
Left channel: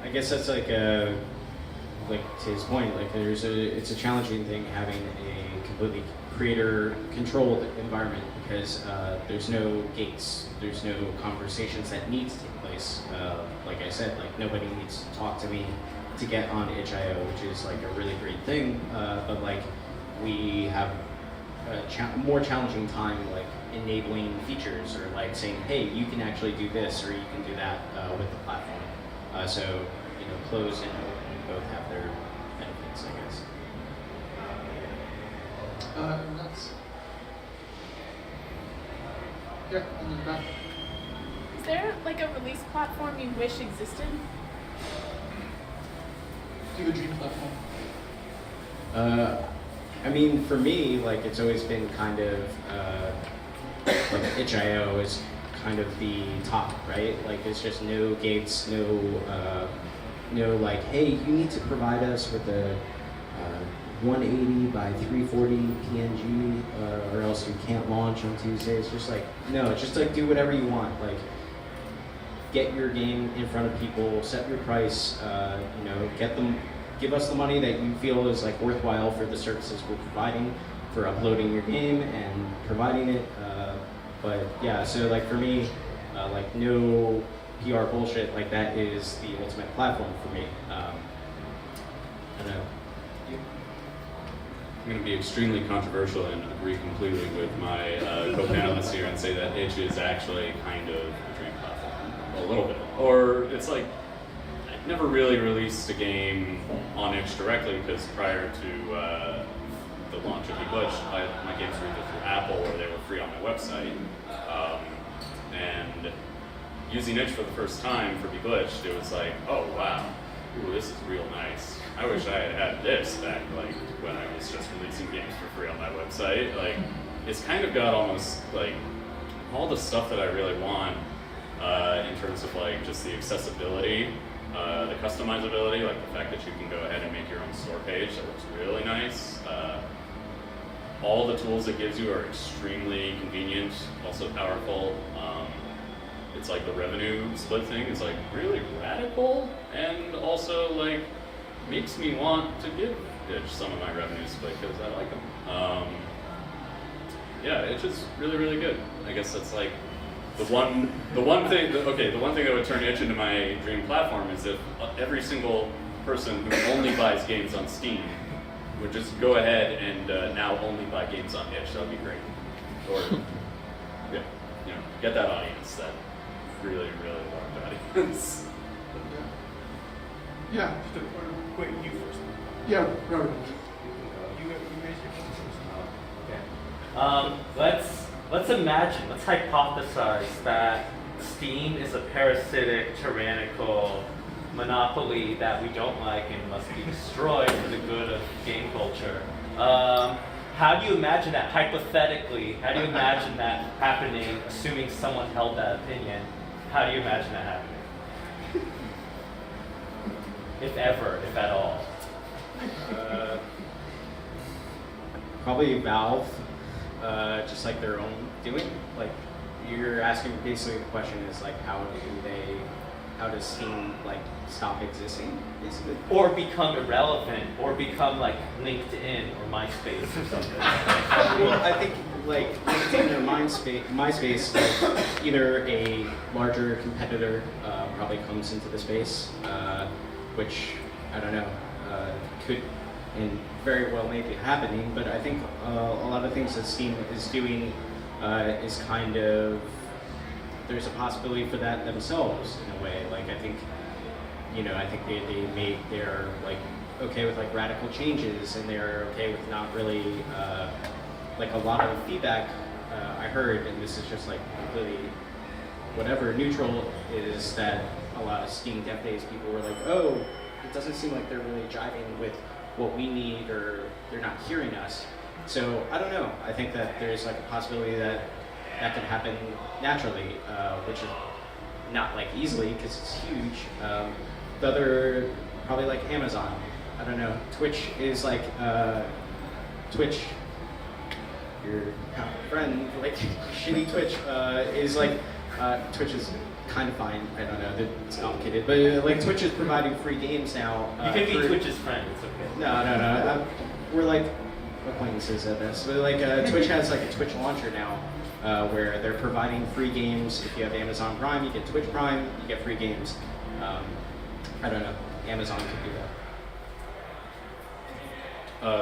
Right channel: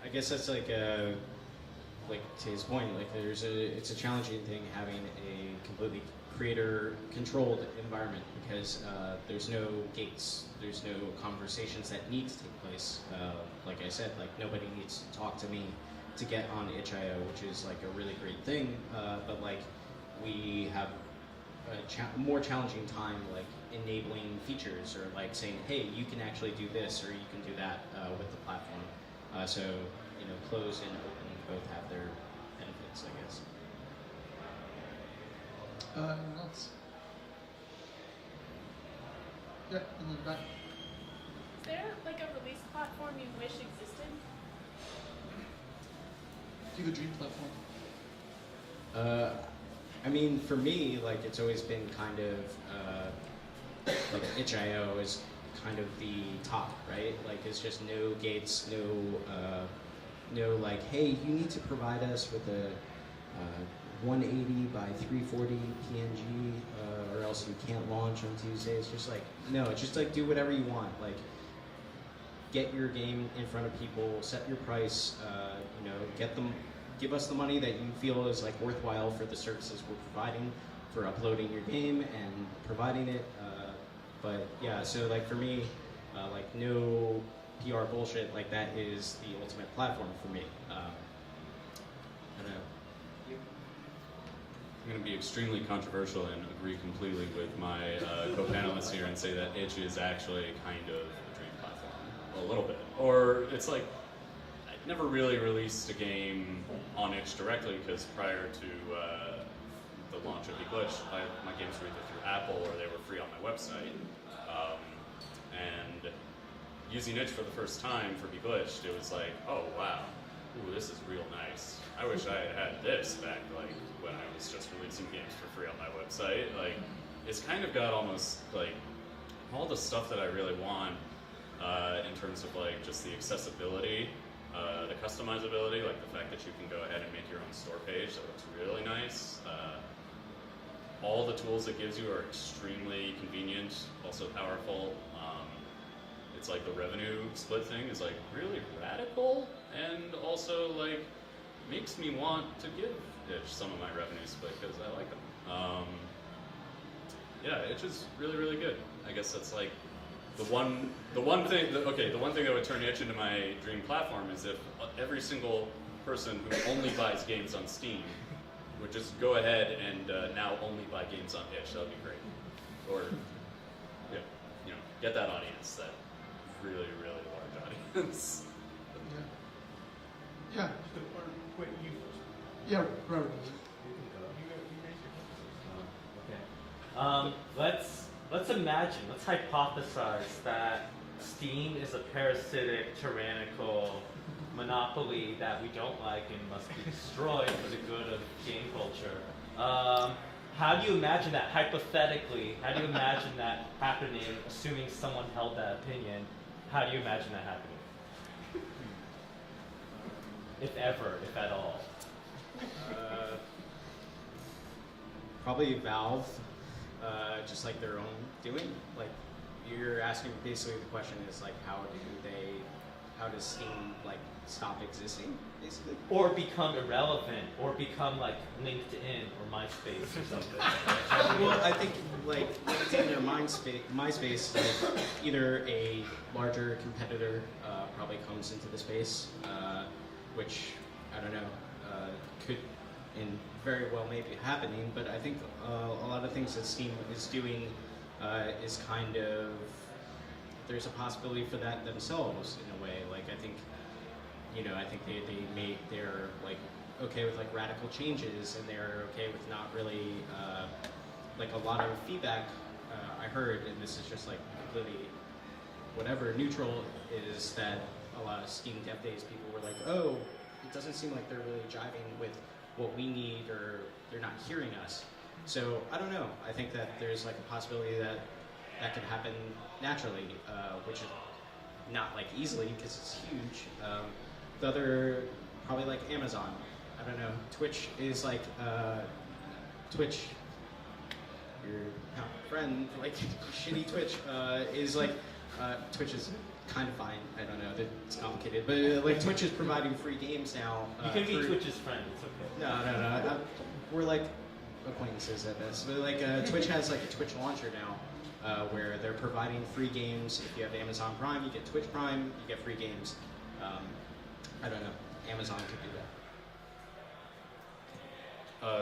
I guess that's like to his point, like it's a challenging thing having a completely creator-controlled environment because there's no gates, there's no conversations that need to take place. Like I said, like nobody needs to talk to me to get on itch.io, which is like a really great thing. But like we have a more challenging time like enabling features or like saying, hey, you can actually do this or you can do that with the platform. So closed and open both have their benefits, I guess. That's, yeah, and then back. Is there like a release platform you wish existed? Do the dream platform. I mean, for me, like it's always been kind of like itch.io is kind of the top, right? Like it's just no gates, no like, hey, you need to provide us with a 180 by 340 PNG, or else you can't launch on Tuesday. It's just like, no, just like do whatever you want. Like, get your game in front of people, set your price, give us the money that you feel is like worthwhile for the services we're providing for uploading your game and providing it. But yeah, so like for me, like no PR bullshit, like that is the ultimate platform for me. I don't know. I'm going to be extremely controversial and agree completely with my co-panelists here and say that Itch is actually kind of a dream platform, a little bit. Or it's like, I've never really released a game on Itch directly because prior to the launch of Beglitched, my games were either through Apple or they were free on my website. And using Itch for the first time for Beglitched, it was like, oh wow, ooh, this is real nice. I wish I had had this back like when I was just releasing games for free on my website. Like, it's kind of got almost like all the stuff that I really want in terms of like just the accessibility, the customizability, like the fact that you can go ahead and make your own store page that looks really nice. All the tools it gives you are extremely convenient, also powerful. It's like the revenue split thing is like really radical and also like makes me want to give Itch some of my revenue split because I like them. Yeah, Itch is really, really good. I guess that's like the one thing that would turn Itch into my dream platform is if every single person who only buys games on Steam would just go ahead and now only buy games on Itch. That would be great. Or get that audience, that really, really large audience. Yeah. Just wait, you first. Yeah, Robert. You raised your hand. Okay. Let's imagine, let's hypothesize that Steam is a parasitic, tyrannical monopoly that we don't like and must be destroyed for the good of game culture. How do you imagine that hypothetically? How do you imagine that happening, assuming someone held that opinion? How do you imagine that happening? If ever, if at all. Probably Valve, just like their own doing. Like you're asking basically the question is like how does Steam like stop existing basically? Or become irrelevant, or become like LinkedIn or MySpace or something. Well, I think like LinkedIn or MySpace, like either a larger competitor probably comes into the space, which I don't know could and very well may be happening. But I think a lot of things that Steam is doing is kind of there's a possibility for that themselves in a way. Like I think they made their like okay with like radical changes, and they're okay with not really like a lot of feedback I heard, and this is just like completely whatever neutral, is that a lot of Steam Dev Days people were like, oh, it doesn't seem like they're really jiving with what we need, or they're not hearing us. So I don't know. I think that there's like a possibility that that could happen naturally, which is not like easily because it's huge. The other, probably like Amazon. I don't know. Twitch is like Twitch. Your friend, like shitty Twitch, is like Twitch is kind of fine. I don't know. It's complicated, but like Twitch is providing free games now. You can be Twitch's friend. It's okay. No. We're like acquaintances at this. But like Twitch has like a Twitch launcher now, where they're providing free games. If you have Amazon Prime, you get Twitch Prime, you get free games. I don't know. Amazon could do that.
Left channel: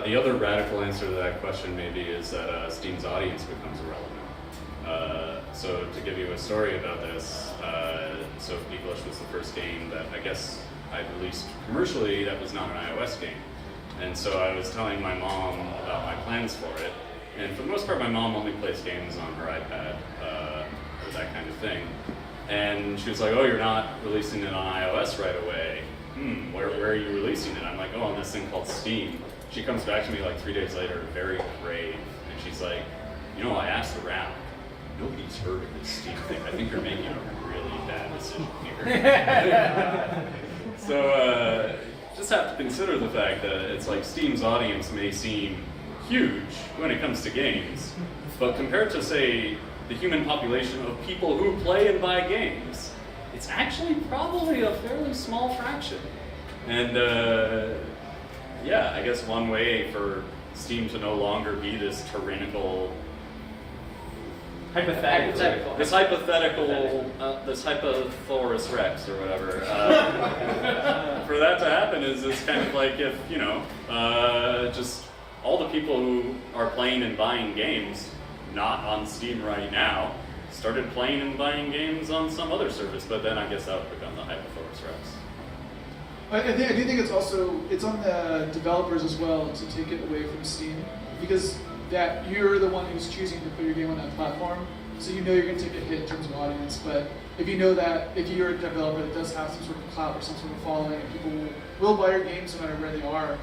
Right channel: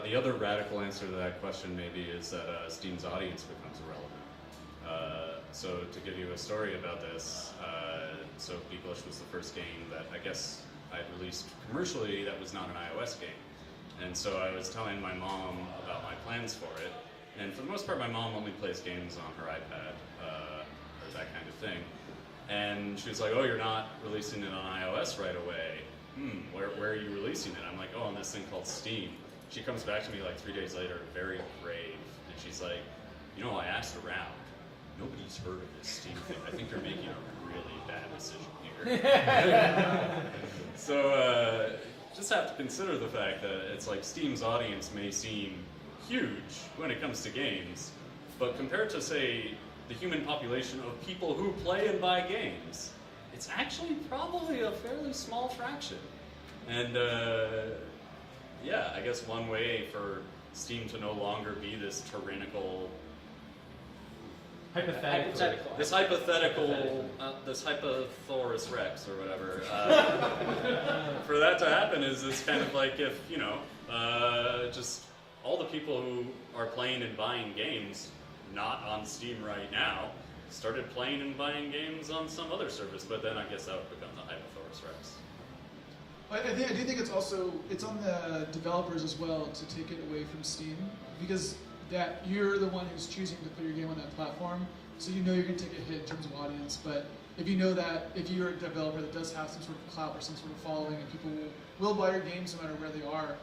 The other radical answer to that question maybe is that Steam's audience becomes irrelevant. So to give you a story about this, so Beglitched was the first game that I guess I released commercially that was not an iOS game. And so I was telling my mom about my plans for it. And for the most part, my mom only plays games on her iPad, or that kind of thing. And she was like, oh, you're not releasing it on iOS right away. Where are you releasing it? I'm like, oh, on this thing called Steam. She comes back to me like 3 days later, very grave, and she's like, you know, I asked around. Nobody's heard of this Steam thing. I think you're making a really bad decision here. So just have to consider the fact that it's like Steam's audience may seem huge when it comes to games, but compared to, say, the human population of people who play and buy games, it's actually probably a fairly small fraction. And yeah, I guess one way for Steam to no longer be this tyrannical, Hypothetical. this Hypothosaurus Rex or whatever. For that to happen is this kind of like if, you know, just all the people who are playing and buying games, not on Steam right now, started playing and buying games on some other service, but then I guess that would become the Hypothosaurus Rex. I do think it's on the developers as well to take it away from Steam, because that you're the one who's choosing to put your game on that platform, so you know you're going to take a hit in terms of audience. But if you know that if you're a developer that does have some sort of clout or some sort of following, and people will buy your games no matter where they are,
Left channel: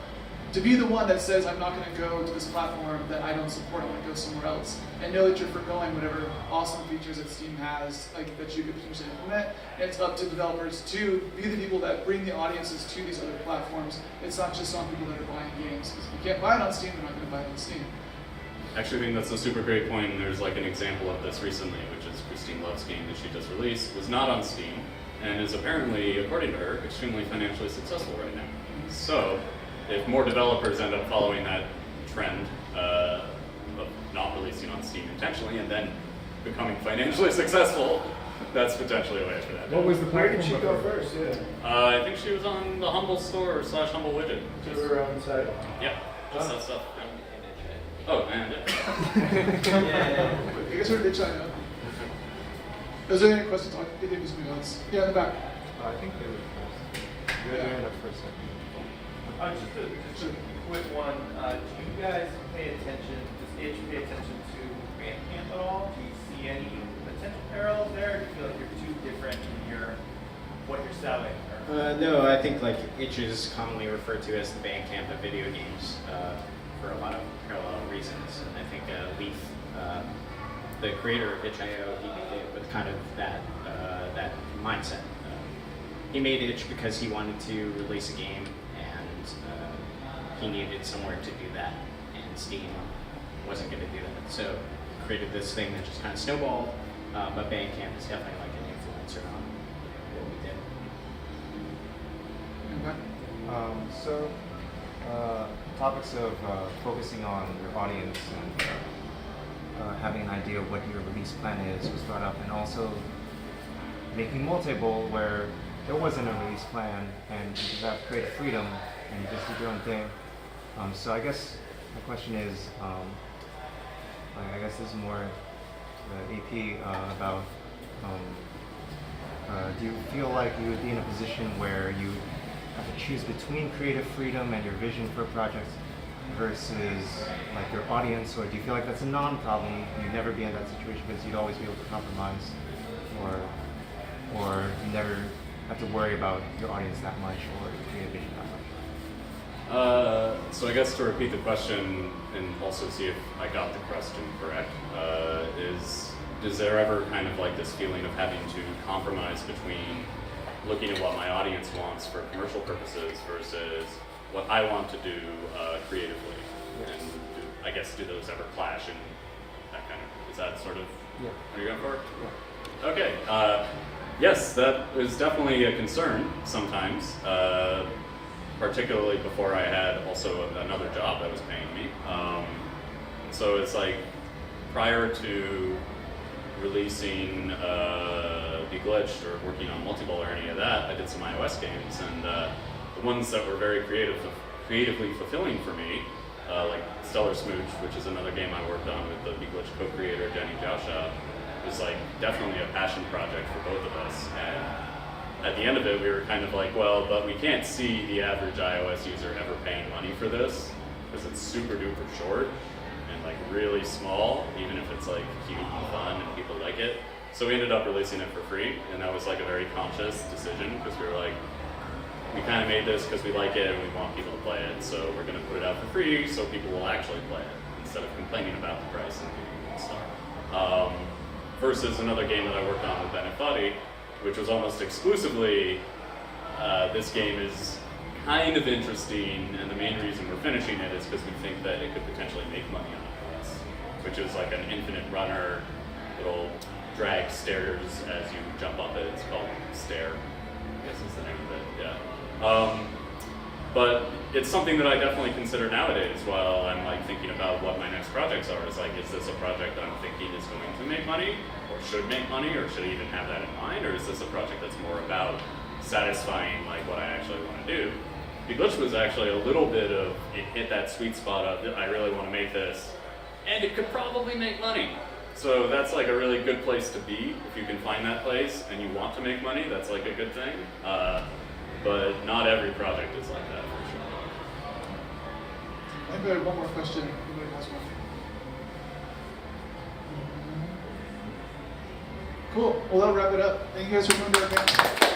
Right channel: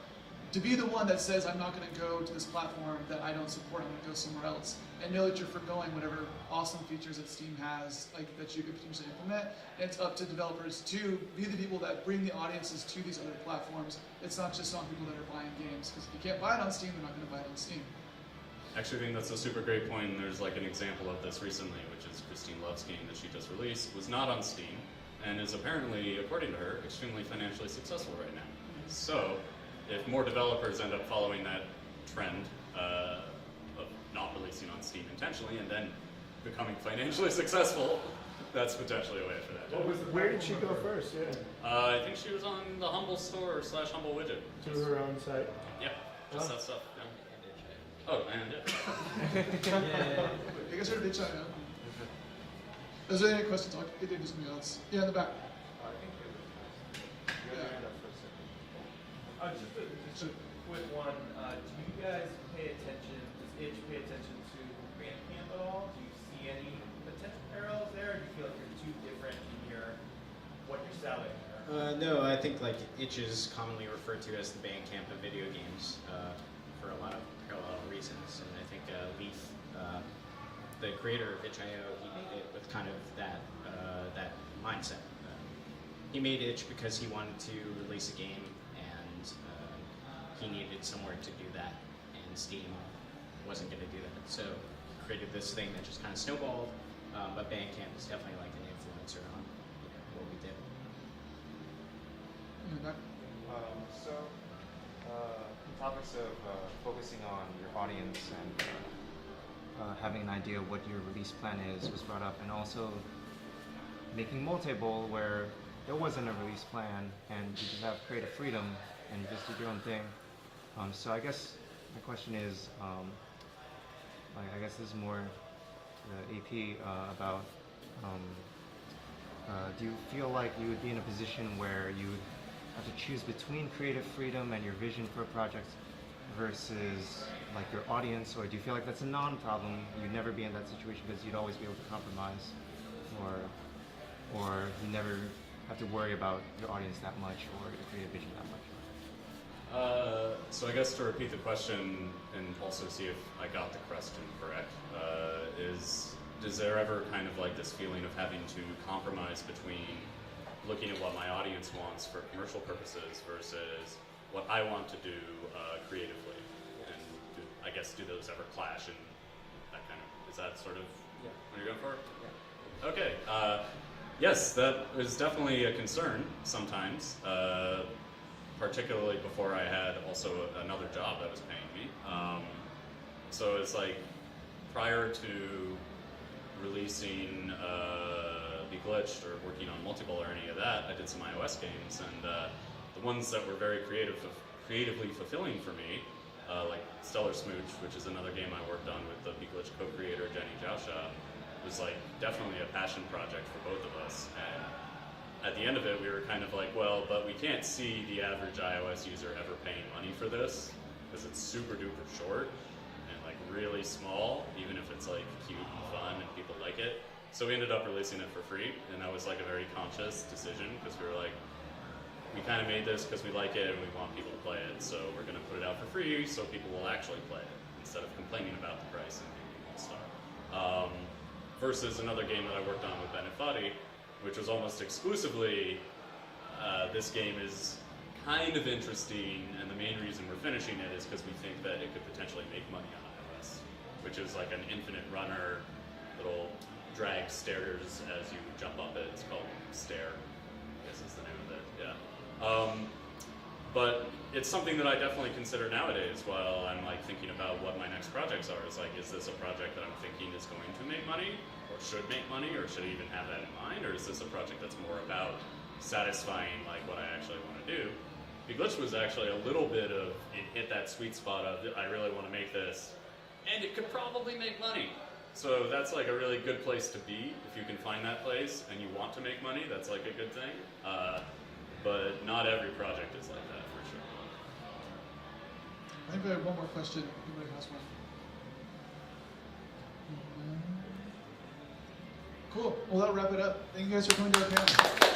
to be the one that says, I'm not going to go to this platform that I don't support, I'm going to go somewhere else, and know that you're forgoing whatever awesome features that Steam has, like that you could potentially implement. And it's up to developers to be the people that bring the audiences to these other platforms. It's not just on people that are buying games, because if you can't buy it on Steam, they're not going to buy it on Steam. Actually, I think that's a super great point, and there's like an example of this recently, which is Christine Love's game that she just released, was not on Steam, and is apparently, according to her, extremely financially successful right now. So, if more developers end up following that trend of not releasing on Steam intentionally and then becoming financially successful, that's potentially a way for that. What was the Where platform? did she go first? Yeah. I think she was on the Humble Store / Humble Widget. To her own site. Yeah, just that stuff. Oh, and it. I guess we're ditching out. Is there any questions? I think there's something else. Yeah, in the back. I think they were first. You had your hand up for a second. Just a quick one. Do you guys pay attention, does Itch pay attention to Bandcamp at all? Do you see any potential parallels there? Or do you feel like you're too different in what you're selling? No, I think like Itch is commonly referred to as the Bandcamp of video games for a lot of parallel reasons. And I think Leaf, the creator of Itch.io, he made it with kind of that mindset. He made Itch because he wanted to release a game, and he needed somewhere to do that, and Steam wasn't going to do that. So created this thing that just kind of snowballed, but Bandcamp is definitely like an influencer on what we did. So, topics of focusing on your audience and having an idea of what your release plan is was brought up, and also making multi-bowl where there wasn't a release plan and you have creative freedom and you just do your own thing. So I guess my question is, I guess this is more the AP about, do you feel like you would be in a position where you have to choose between creative freedom and your vision for projects versus like your audience, or do you feel like that's a non-problem? You'd never be in that situation because you'd always be able to compromise, or you never have to worry about your audience that much or your creative vision that much? So I guess to repeat the question and also see if I got the question correct, is there ever kind of like this feeling of having to compromise between looking at what my audience wants for commercial purposes versus what I want to do creatively? And I guess do those ever clash and that kind of, is that sort of what you're going for? Yeah. Okay. Yes, that is definitely a concern sometimes, particularly before I had also another job that was paying me. So it's like prior to releasing Beglitched or working on Multiball or any of that, I did some iOS games, and the ones that were very creatively fulfilling for me, like Stellar Smooch, which is another game I worked on with the Beglitched co-creator Jenny Jousha, was like definitely a passion project for both of us. And at the end of it, we were kind of like, well, but we can't see the average iOS user ever paying money for this because it's super duper short and like really small, even if it's like cute and fun and people like it. So we ended up releasing it for free, and that was like a very conscious decision because we were like, we kind of made this because we like it and we want people to play it, so we're going to put it out for free so people will actually play it instead of complaining about the price and being a star. Versus another game that I worked on with Bennett Buddy, which was almost exclusively, this game is kind of interesting, and the main reason we're finishing it is because we think that it could potentially make money on iOS, which is like an infinite runner, it'll drag stairs as you jump up it. It's called Stair, I guess is the name of it, yeah. But it's something that I definitely consider nowadays while I'm like thinking about what my next projects are. Is like, is this a project that I'm thinking is going to make money, or should make money, or should I even have that in mind, or is this a project that's more about satisfying like what I actually want to do? Beglitched was actually a little bit of, it hit that sweet spot of, I really want to make this, and it could probably make money. So that's like a really good place to be. If you can find that place and you want to make money, that's like a good thing. But not every project is like that, for sure. I think we have one more question. Anybody has one? Cool. Well, that'll wrap it up. Thank you guys for coming to our panel.